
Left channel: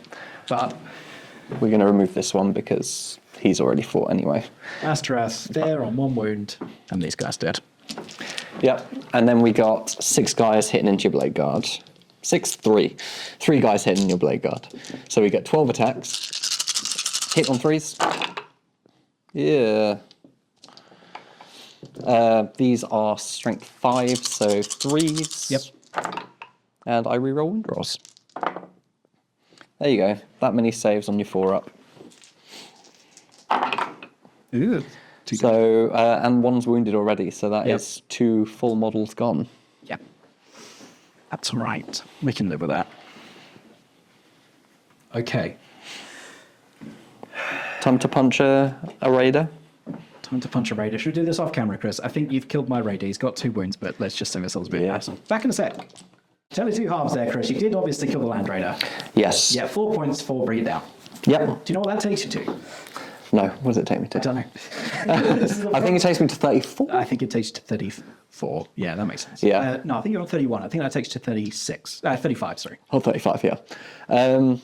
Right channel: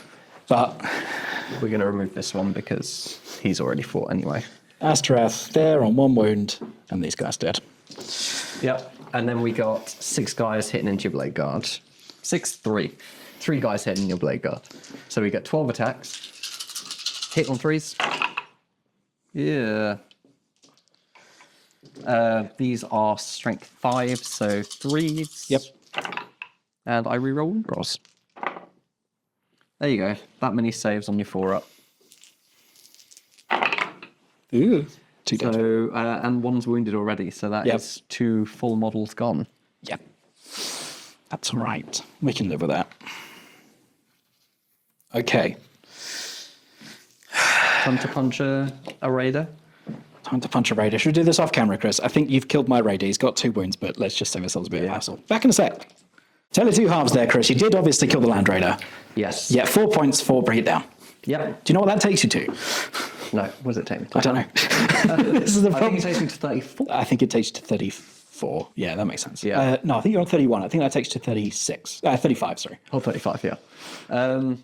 But We're going to remove this one because he's already fought anyway. Astaroth there on 1 wound, and these guys dead. Yep. And then we got 6 guys hitting into your blade guard. 3. 3 guys hitting your blade guard. So we get 12 attacks. Hit on 3s. Yeah. These are strength 5, so 3s. Yep. And I reroll rolls. There you go. That many saves on your 4-up. Ooh. So, and one's wounded already, so that is 2 full models gone. Yeah. That's all right. We can live with that. Okay. Time to punch a raider. Time to punch a raider. Should we do this off camera, Chris? I think you've killed my raider. He's got 2 wounds, but let's just save ourselves a bit of hassle. Back in a sec. Tell you 2 halves there, Chris. You did obviously kill the land raider. Yes. Yeah, 4 points for bring it down. Yep. Do you know what that takes you to? No, what does it take me to? I don't know. This is the I think it takes me to 34. I think it takes you to 34. Yeah, that makes sense. Yeah. No, I think you're on 31. I think that takes you to 36. 35, sorry. Oh, 35, yeah.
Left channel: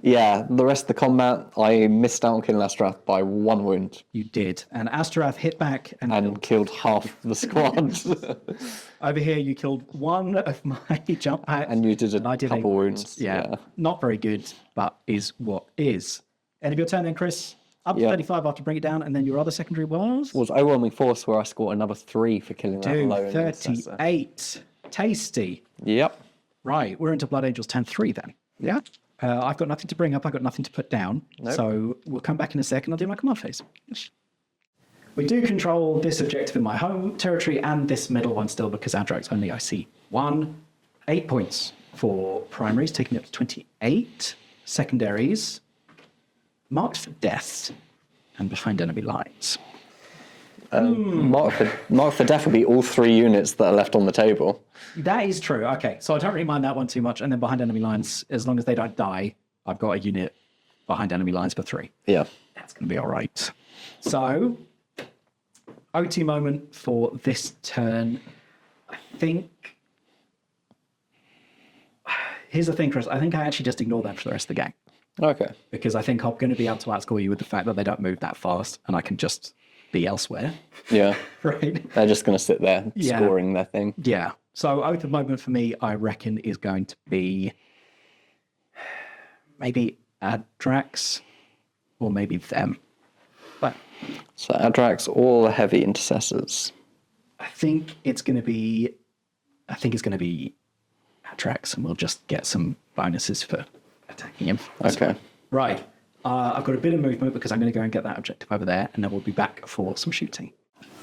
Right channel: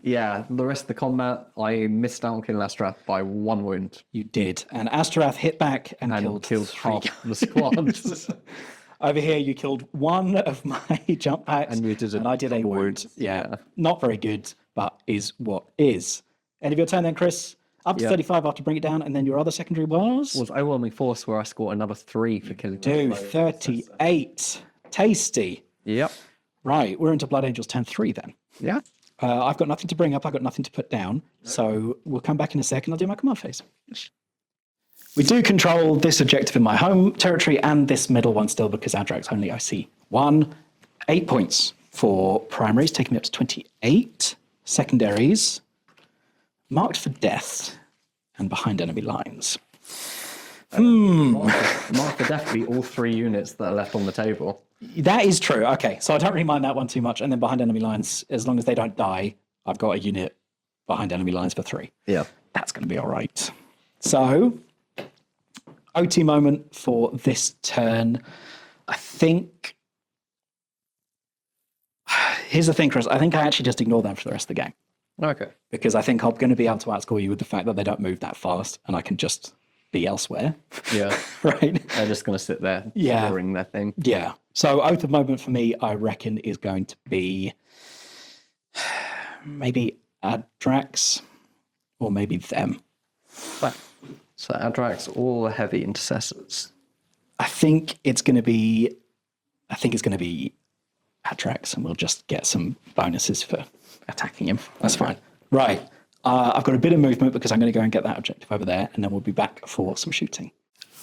Yeah, the rest of the combat, I missed out on killing Astrath by 1 wound You did. And Astaroth hit back and killed half the squad. Over here, you killed 1 of my jump packs. And you did and I did 8 couple wounds. wounds, Yeah. yeah. Not very good, but is what is. End of your turn then, Chris. Up to Yeah. 35 after bring it down. And then your other secondary was? Was overwhelming force where I scored another 3 for killing that Dude, low intercessor. 38. Tasty. Yep. Right, we're into Blood Angels 10-3 then. Yeah. I've got nothing to bring up. I've got nothing to put down. So we'll come back in a second. I'll do my command phase. We do control this objective in my home territory and this middle one still because Adrax only I see 1. 8 points for primaries, taking me up to 28. Secondaries, marked for death and behind enemy lines. Mark for definitely all 3 units that are left on the table. That is true. Okay, so I don't really mind that one too much. And then behind enemy lines, as long as they don't die, I've got a unit behind enemy lines for 3. Yeah. That's going to be all right. So, OT moment for this turn. I think... Here's the thing, Chris. I think I actually just ignore them for the rest of the game. Okay. Because I think I'm going to be able to outscore you with the fact that they don't move that fast and I can just be elsewhere. Yeah. Right? They're just going to sit there scoring their thing. Yeah. So oath of moment for me, I reckon, is going to be maybe Adrax or maybe them. But So Adrax, all the heavy intercessors. I think it's going to be Adrax, and we'll just get some bonuses for attacking him. That's Okay. fine. Right. I've got a bit of movement because I'm going to go and get that objective over there, and then we'll be back for some shooting.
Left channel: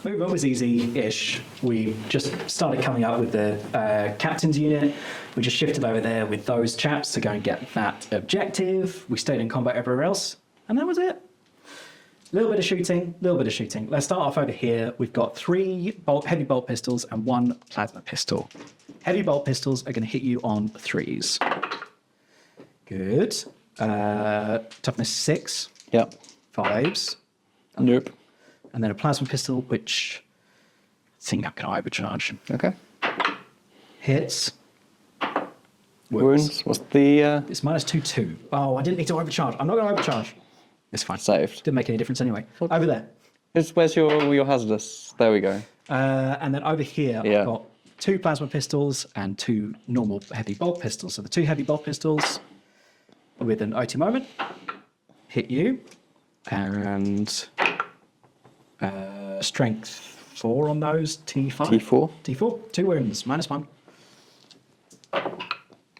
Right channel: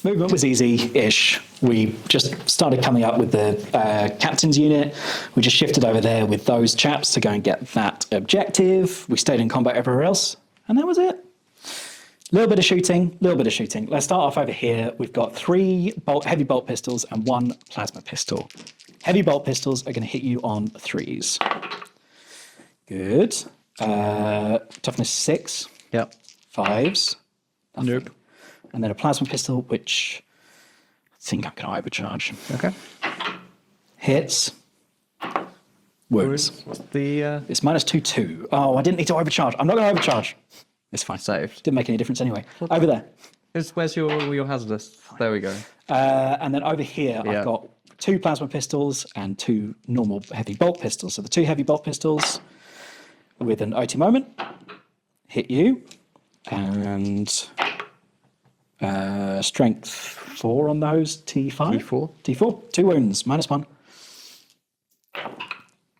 Movement was easy-ish. We just started coming up with the captain's unit. We just shifted over there with those chaps to go and get that objective. We stayed in combat everywhere else, and that was it. A little bit of shooting. Let's start off over here. We've got 3 heavy bolt pistols and 1 plasma pistol. Heavy bolt pistols are going to hit you on 3s. Good. Toughness 6. Yep. 5s. Nope. And then a plasma pistol, which I think I'm going to overcharge. Okay. Hits. Wounds. What's the It's -2/2. Oh, I didn't need to overcharge. I'm not going to overcharge. It's fine. saved? Didn't make any difference anyway. Over there. Where's your hazardous? There we go. And then over here, Yeah. I've got 2 plasma pistols and 2 normal heavy bolt pistols. So the 2 heavy bolt pistols with an OT moment hit you. And strength 4 on those. T5. T4. T4. 2 wounds. -1.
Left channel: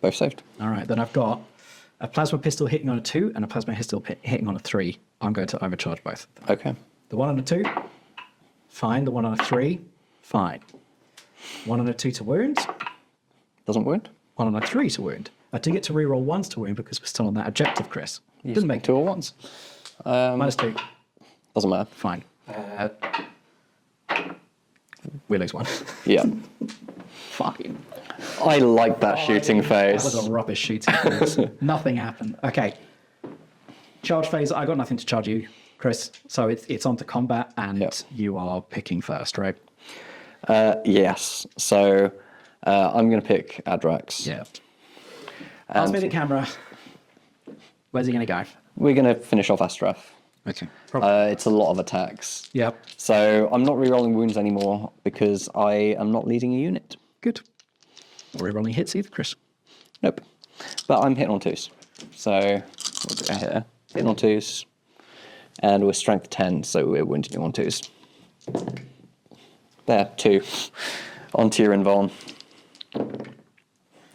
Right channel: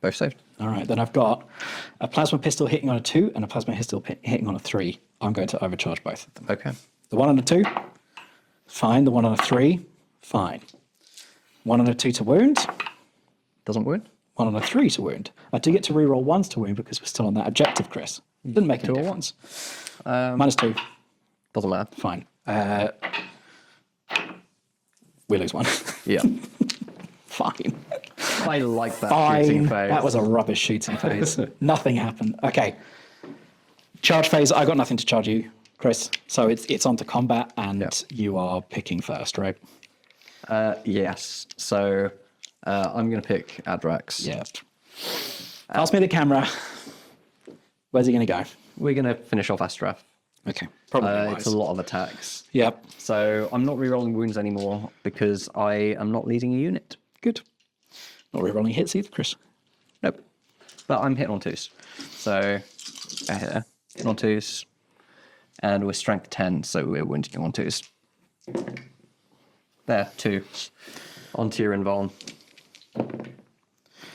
Both saved. All right, then I've got a plasma pistol hitting on a 2 and a plasma pistol hitting on a 3. I'm going to overcharge both of them. Okay. The 1 on a 2, fine. The 1 on a 3, fine. 1 on a 2 to wound, Doesn't wound. 1 on a 3 to wound. I do get to reroll 1s to wound because we're still on that objective, Chris. Didn't make 2 or 1s. -2, Doesn't matter. fine. We lose 1. Yeah. Fine. I like that shooting phase. That was a rubbish shooting phase. Nothing happened. Okay. Charge phase. I got nothing to charge you, Chris. So it's on to combat, and you are picking first, right? Yes. So I'm going to pick Adrax. Yeah. Pass me the camera. Where's he going to go? We're going to finish off Astraf. Okay. Probably It's a lot of attacks. Yep. So I'm not rerolling wounds anymore because I am not leading a unit. Good. Not rerolling hits either, Chris. Nope. But I'm hitting on 2s. So we'll go here. Hitting on 2s. And we're strength 10, so we're wounding on 2s. There, 2. Onto your invuln.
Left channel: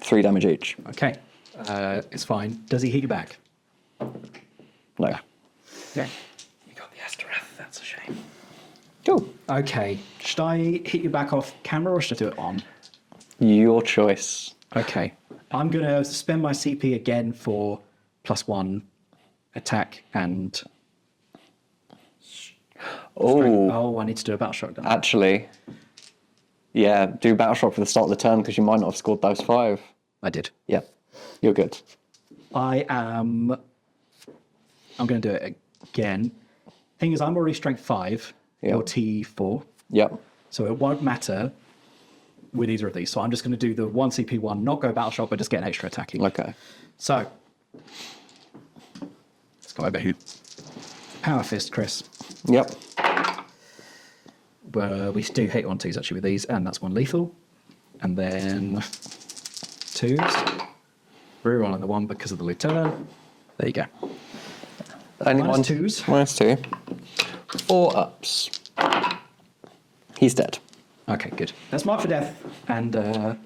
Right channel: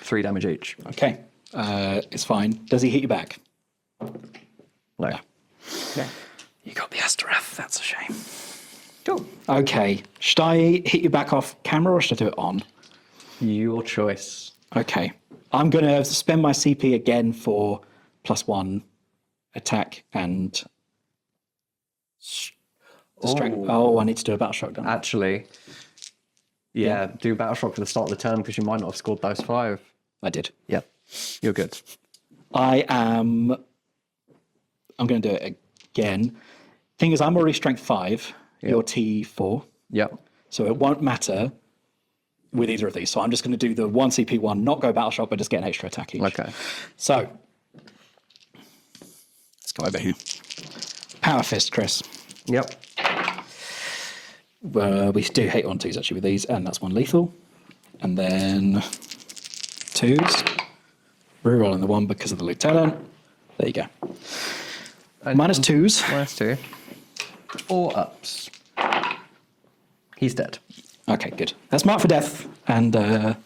3 damage each. Okay. It's fine. Does he hit you back? No. Okay. You got the Astaroth. That's a shame. Cool. Okay. Should I hit you back off camera or should I do it on? Your choice. Okay. I'm going to spend my CP again for +1 attack and strength. Oh, I need to do a battle shock. Don't I? Actually, yeah, do battle shock for the start of the turn because you might not have scored those 5. I did. Yep. You're good. I'm going to do it again. Thing is, I'm already strength 5. Yep. You're T4. Yep. So it won't matter with either of these. So I'm just going to do the 1 CP one, not go battle shock, but just get an extra attack each. Okay. So let's go over here. Power fist, Chris. Yep. We do hit on 2s actually with these, and that's 1 lethal. And then 2s. Rerolling the 1 because of the lieutenant. There you go. Minus 2s. Minus 2. 4 ups. He's dead. Okay, good. That's marked for death. And so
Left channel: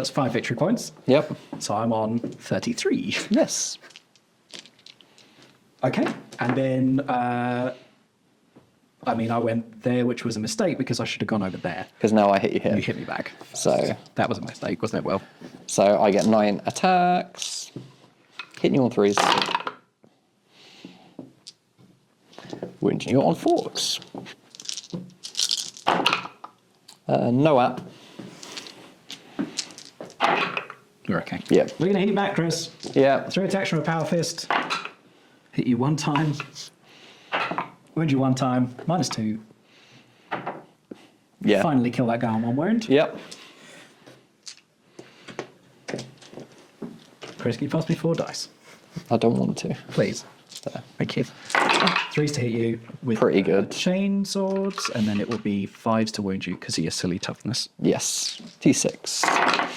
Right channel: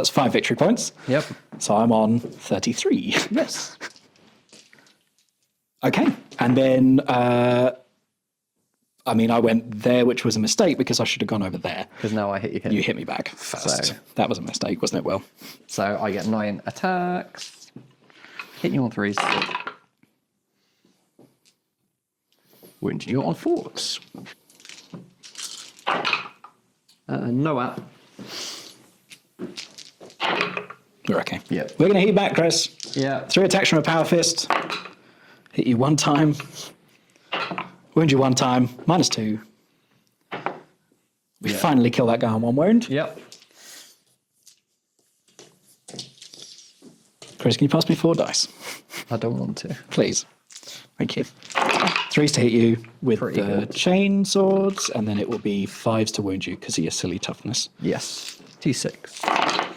that's 5 victory points. Yep. So I'm on 33. Yes. Okay. And then, I went there, which was a mistake because I should have gone over there. Because now I hit you here. You hit me back first. So that was a mistake, wasn't it, Will? So I get 9 attacks. Hitting you on 3s. Wounding you on 4s. Noah. You're okay. Yeah. We're going to hit you back, Chris. Yeah. 3 attacks from a power fist. Hit you 1 time. Wound you 1 time. Minus 2. Yeah. Finally kill that guy on 1 wound. Yep. Chris, can you pass me 4 dice? I don't want to. Please. Thank you. 3s to hit you with Pretty the good. chain swords, and then it will be 5s to wound you because of your silly toughness. Yes. T6.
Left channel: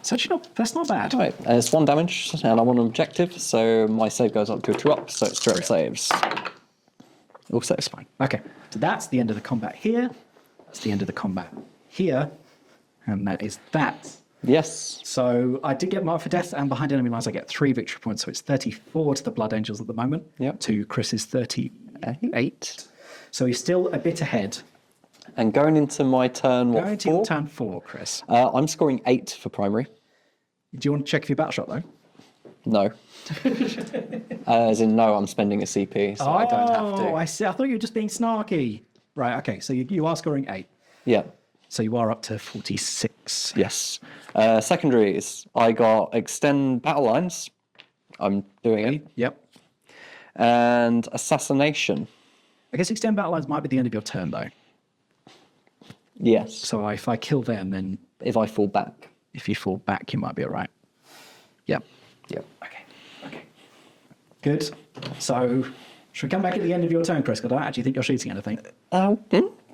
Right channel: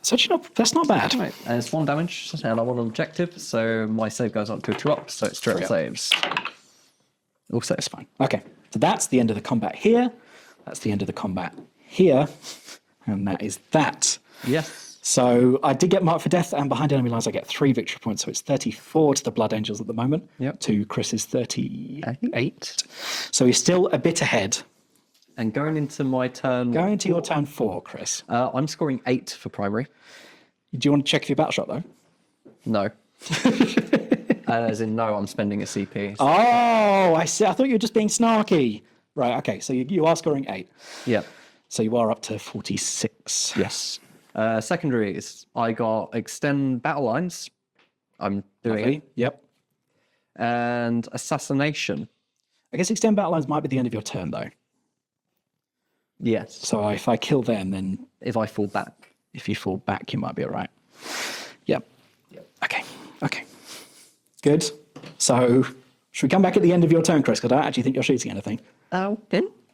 So actually, that's not bad. Right. And it's 1 damage, and I'm on an objective, so my save goes up to a 2 up, so it's 0 saves. Also, it's fine. Okay, so that's the end of the combat here. That's the end of the combat here. And that is that. Yes. So I did get marked for death, and behind enemy lines I get 3 victory points. So it's 34 to the Blood Angels at the moment. Yep. To Chris's 38. So he's still a bit ahead. And going into my turn, what, Going to your 4? turn 4, Chris. I'm scoring 8 for primary. Do you want to check if your battle shot, though? No. As in, no, I'm spending a CP. So Oh, I see. I thought you were just being snarky. Right, okay. So you are scoring 8. yeah. So you are up to 46. Yes. Secondaries, I got extend battle lines. I'm doing it. Yep. And assassination. I guess extend battle lines might be the end of your turn, though. Yes. So if I kill them, then If I fall back. if you fall back, you might be all right. Yep. Yep. Okay. Okay. Good. So should we come back at the end of your turn, Chris? Because I don't actually think you're shooting anything. Oh,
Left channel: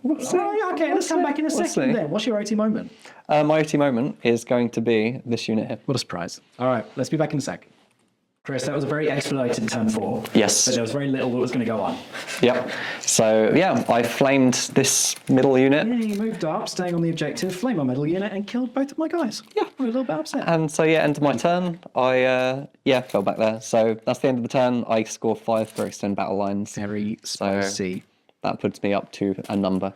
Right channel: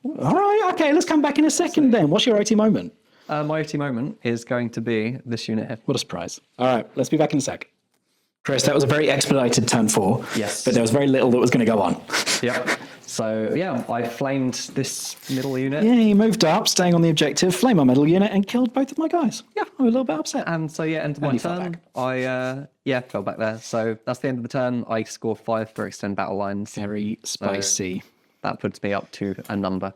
All right. Okay. Let's come back in a second see. then. What's your OT moment? my OT moment is going to be this unit here. What a surprise. All right. Let's be back in a sec. Chris, that was a very expedited turn 4. Yes. But there was very little that was going to go on. Yep. So, yeah, I flamed this middle unit. Yeah, you moved up, staying on the objective, flame my middle unit, and killed both of my guys. Yeah, I'm a little bit upset. And so, yeah, end of my turn, I, fell back there. So that's the end of the turn. I score 5 for extend battle lines. Very spicy. That puts me up to a number.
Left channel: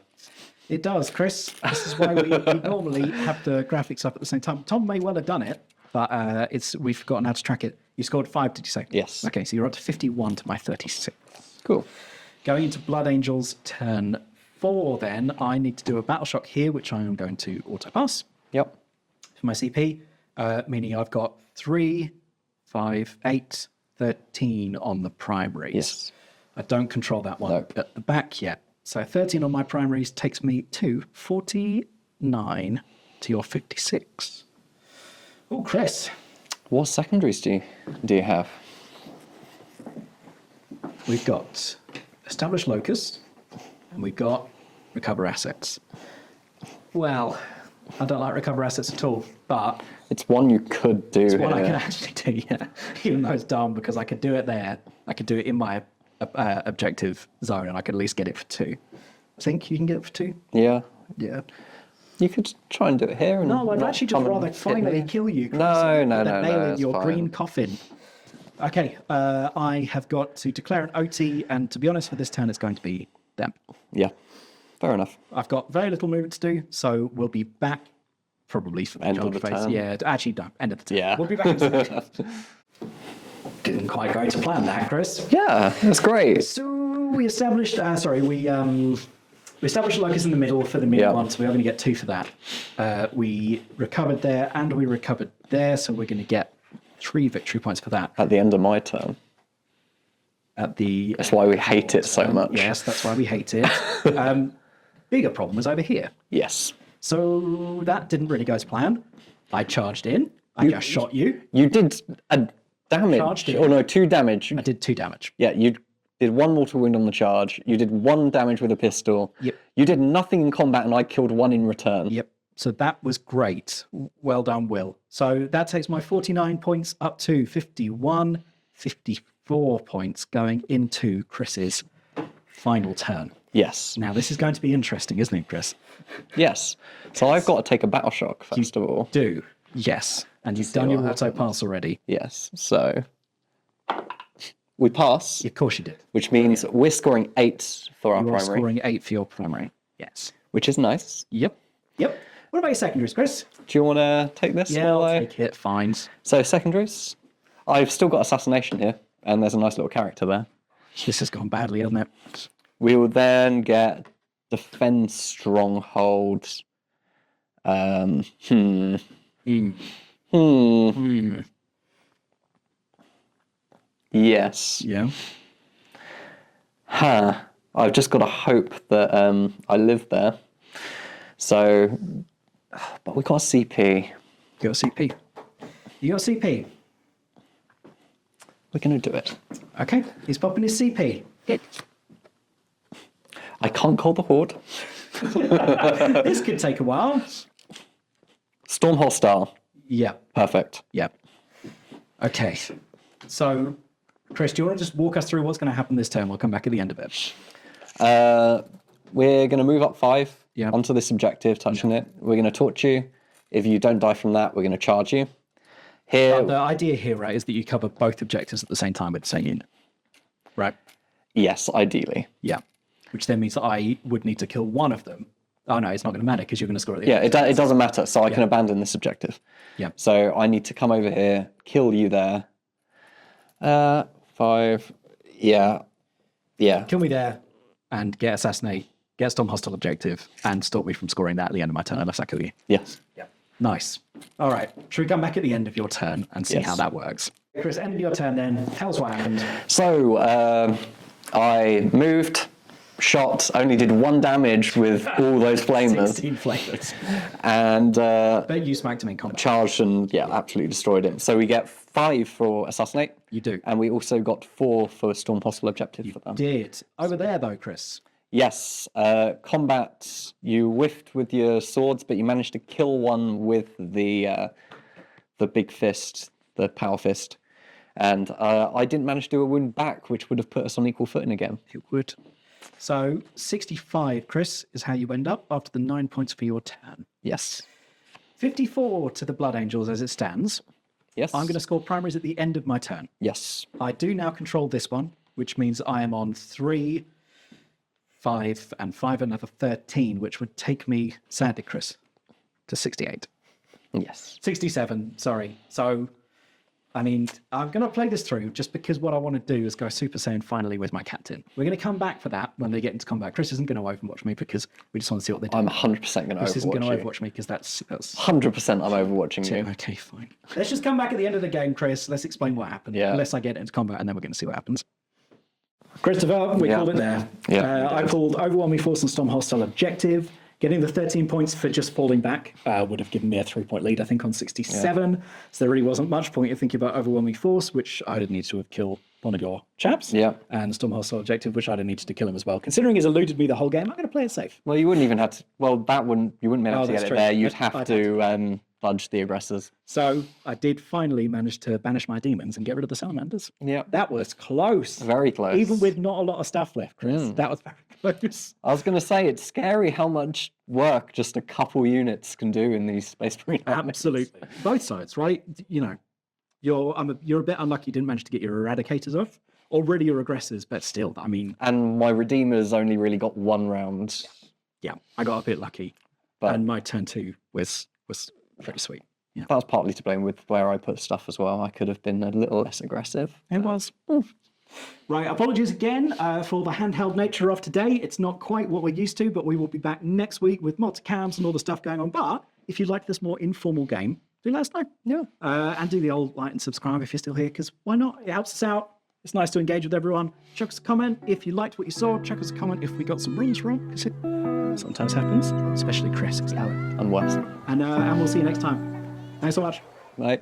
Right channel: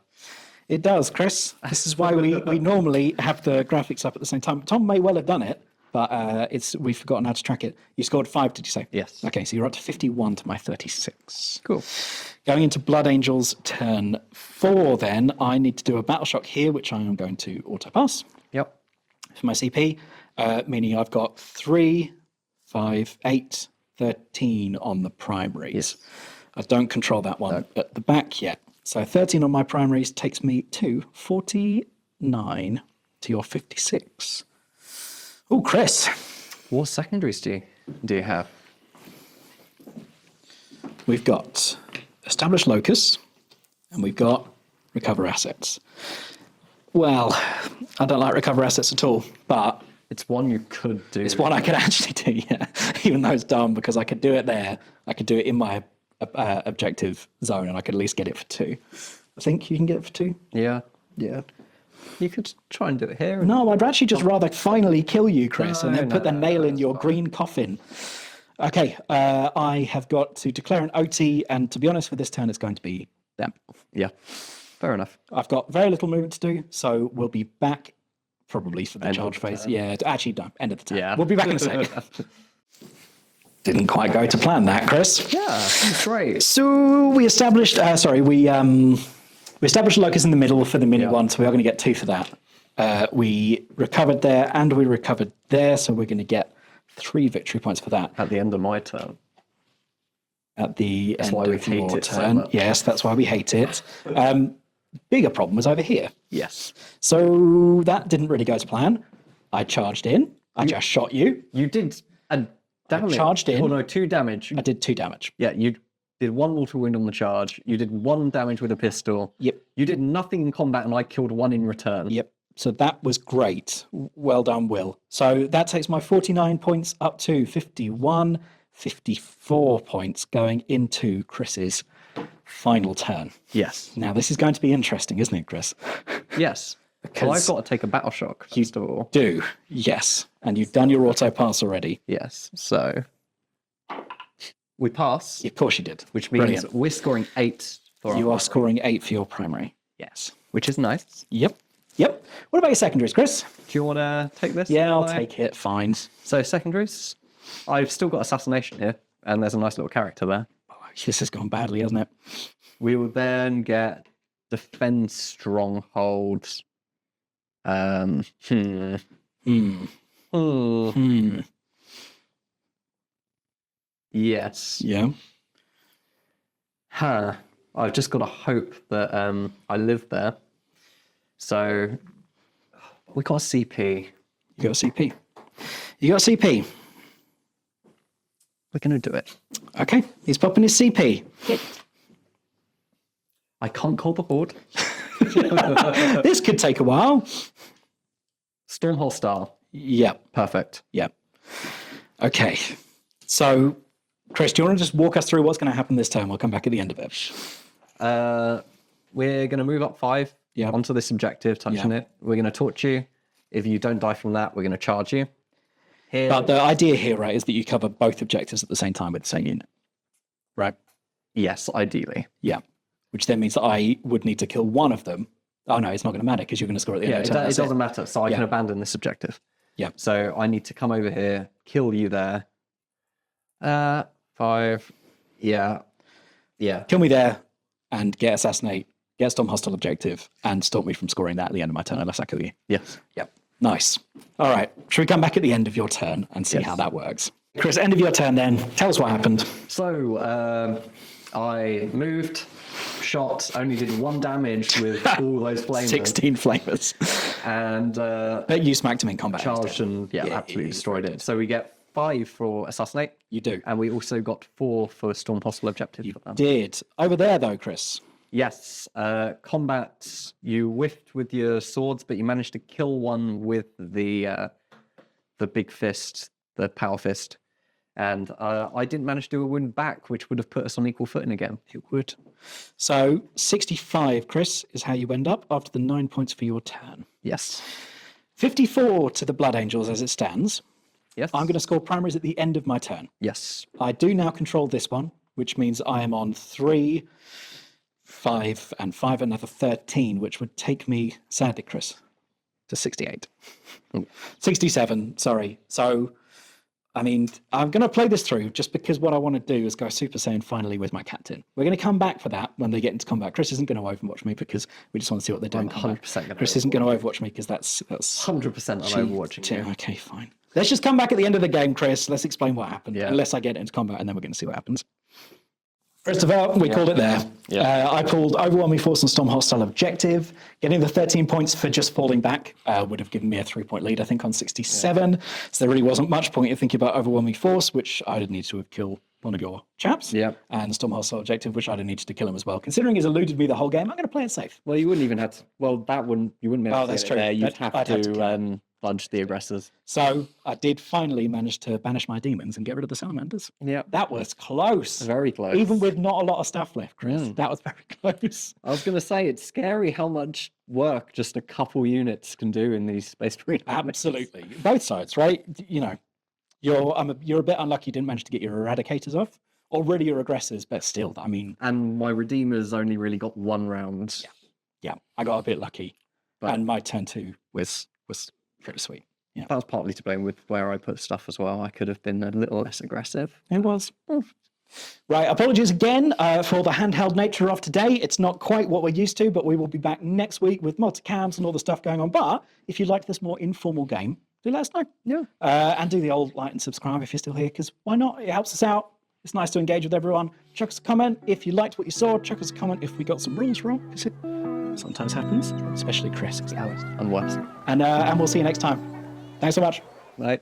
It does, Chris. This is why we normally have the graphics up at the same time. Tom may well have done it, but we've forgotten how to track it. You scored 5, did you say? Yes. Okay, so you're up to 51 to my 36. Cool. Going into Blood Angels turn 4 then, I need to do a battle shock here, which I am going to auto-pass Yep. for my CP, meaning I've got 3, 5, 8, 13 on the primaries. Yes. I don't control that one at the back yet. So 13 on my primaries takes me to 49 to your 56. Oh, Chris. What secondaries do you have? We've got establish locus, and we've got recover assets. Well, I don't like recover assets at all, but It's one you could do. it's one I here. could actually do, yeah. Even though it's dumb, because I could do it there. I could do it in my objective zone, and I could at least get it for 2. I think you can get it for 2. Yeah. Yeah. You could try and do it here. And No, I'd actually just rather finally kill you, Chris, and then put the nail in it's your fine. green coffin. Okay, I have got to declare an OT, and to be honest, for this turn, it's going to be them. Yeah. Fair enough. I've got very little movement to do, so we'll be back probably for the End of charge the phase. turn. Yeah, actually, no, end of the turn. Yeah. We'll be back in a second. Didn't quite go to plan that, Chris. Yeah, that's great. So we established, we established locus in the middle for the mini Yeah. one, so we are going to get 2 for that. We recovered there and we recovered there, so we're going to get 3 victory points for that At the end of my turn. at the That's end why we of hate your it so turn. much. Yes, that's why we hate it. Bigger problem was over here. Yes. So that didn't really go to plan. I charged in. I just shot you. You did a damage. Charged in. Oh no, 2 damage. I did 2 damage. Yeah, you did 1 mortal wound on the charge. You did 1 damage with a pistol. Yep. You did nothing in combat, and I killed 1 in return. Yep. So that was great. Well done, Will. So that takes my 49 points up to 51, 54 points going into Chris's final turn. Yes. Now, this is going to be interesting, isn't it, Chris? Yes. So I've got to take a battle shock first of all. Do. Yes. And you've done your auto pass already. Yes. So we pass, Of course you did. which means Brilliant. we're scoring 8 for our You are primary, scoring 8 for your primary. Yes. which is nice. Yep. Yep. What about your secondaries, Chris? Do you want to take this? Yeah, I'll while I- take it. Fine. So secondaries, I've still got assassination here, and there's a nice little character there. This has gone badly, hasn't it? We will then get defend stronghold. Hmm. Yes. Yeah. Huh. I've just got to hope that I live there. So, but we got a CP. You got a CP. You got a CP. We're going to do it. Okay. He's popping his CP. I can't call the horde. This could take a while. Storm hostile. Yeah. Perfect. Yeah. Okay. So, Chris, do you want to just walk us through what's going to happen this turn? We'll come back at the end of it. We're going to move up 5 Yeah. onto this objective, touching it. We're going to torch you. If you don't die from that, we're going to charge you. Here, But the idea here, right, is that you cover both objectives at the same time with the same unit. Right? yes, ideally. Yeah. Which then means that I would need to kill one of them. Oh, no, it's not going to matter because you're going to score at the Yeah, end. it, it doesn't matter. So I can abandon this objective. Yeah. So I need to come over here, kill you there. 5. Yeah. Yeah. Kill me there and get assassinate, get storm hostile objective, and stop me from scoring that at the end of my turn unless I kill you. Yes. Yeah. Nice. All right. Should we come back at the end of your turn and see Yes. how that works? Chris, end of your turn then. Tell us what happened. So I moved, shot, only did 1 damage with all those flamers. 16 flavors. And But you smacked him in combat. charged and absolutely destroyed it. So we get 5 for assassinate. You do. And we also got 4 for storm hostile objective for them. Did. Over there, though, Chris. Yes, combat. You whiffed with your swords, but you managed to kill one with the big fist, the power fist, and I didn't manage to do a wound back, which would have put us on equal footing again. It would. So 65, Chris, is how you end up after the 9 points for your turn. Yes. 54 to the Blood Angels as it stands. Yes. I'm going to score primaries at the end of my turn. Yes. I do now control this one, which means I am on 3, 5, and 5, another 13, which would take me, sadly, Chris, to 68. Yes. 67, sorry. So, I mean, I'm going to play this through just because what I want to do is go Super Saiyan finally with my captain. We're going to come back for that when they get into combat. Chris isn't going to overwatch me because we just want to see what they do. I'm 100% going to Chris isn't going to overwatch you. overwatch me because that's 100% I'm overwatching you. Okay, fine. Let's just come back at the end of the game, Chris. Let's explain what happened. Yeah. Unless I get into combat, and then we're going to see what happens. Christopher, we called it there. Yeah. I called Overwhelming Force and Storm Hostile Objective. Getting the 13 points for just falling back would have given me a 3-point lead, I think, on 67. Yeah. So there really wasn't much point in thinking about overwhelming force, which I'd have needed to have killed one of your chaps. Yeah. And Stormhole objective, which I'd have needed to kill him as well. Considering he's eluded me the whole game, I'm going to play it safe. Well, you wouldn't even have to. Well, you wouldn't be able to get it there. You'd have to fudge the aggressors. So I did finally manage to banish my demons and get rid of the Salamanders. Yeah. That was close. Very close. Even with not a lot of stuff left, Chris. That was very close. I was going to say, it's scary how much work just a couple units can do in these Space Marine. Absolutely. Both sides, right? You know, you're a bit unlucky you didn't manage to get your Eradicators off. Or really your aggressors, but still, I mean... And my Redeemers only really got 1 round. Yeah, I got a bit lucky. But, and my turn 2 was pretty sweet. Yeah. That was partly to blame with where I put stuff as well. I could have been a little less aggressive. It was. Right, apologies again for all the handheld nature of today. It's not quite what we're used to, but we will be back next week with multicams and all the stuff going on. But if you'd like this more informal game, do let us know. Yeah. And do the old like and subscribe if you're still here, because why not? It helps us out. It's nice to engage with everyone. Chuck us a comment if you liked what you saw. Chuck us a comment if we got some rules wrong, because it sometimes happens, especially Chris. And worse. And we'll see you next time. Thanks so much. Bye.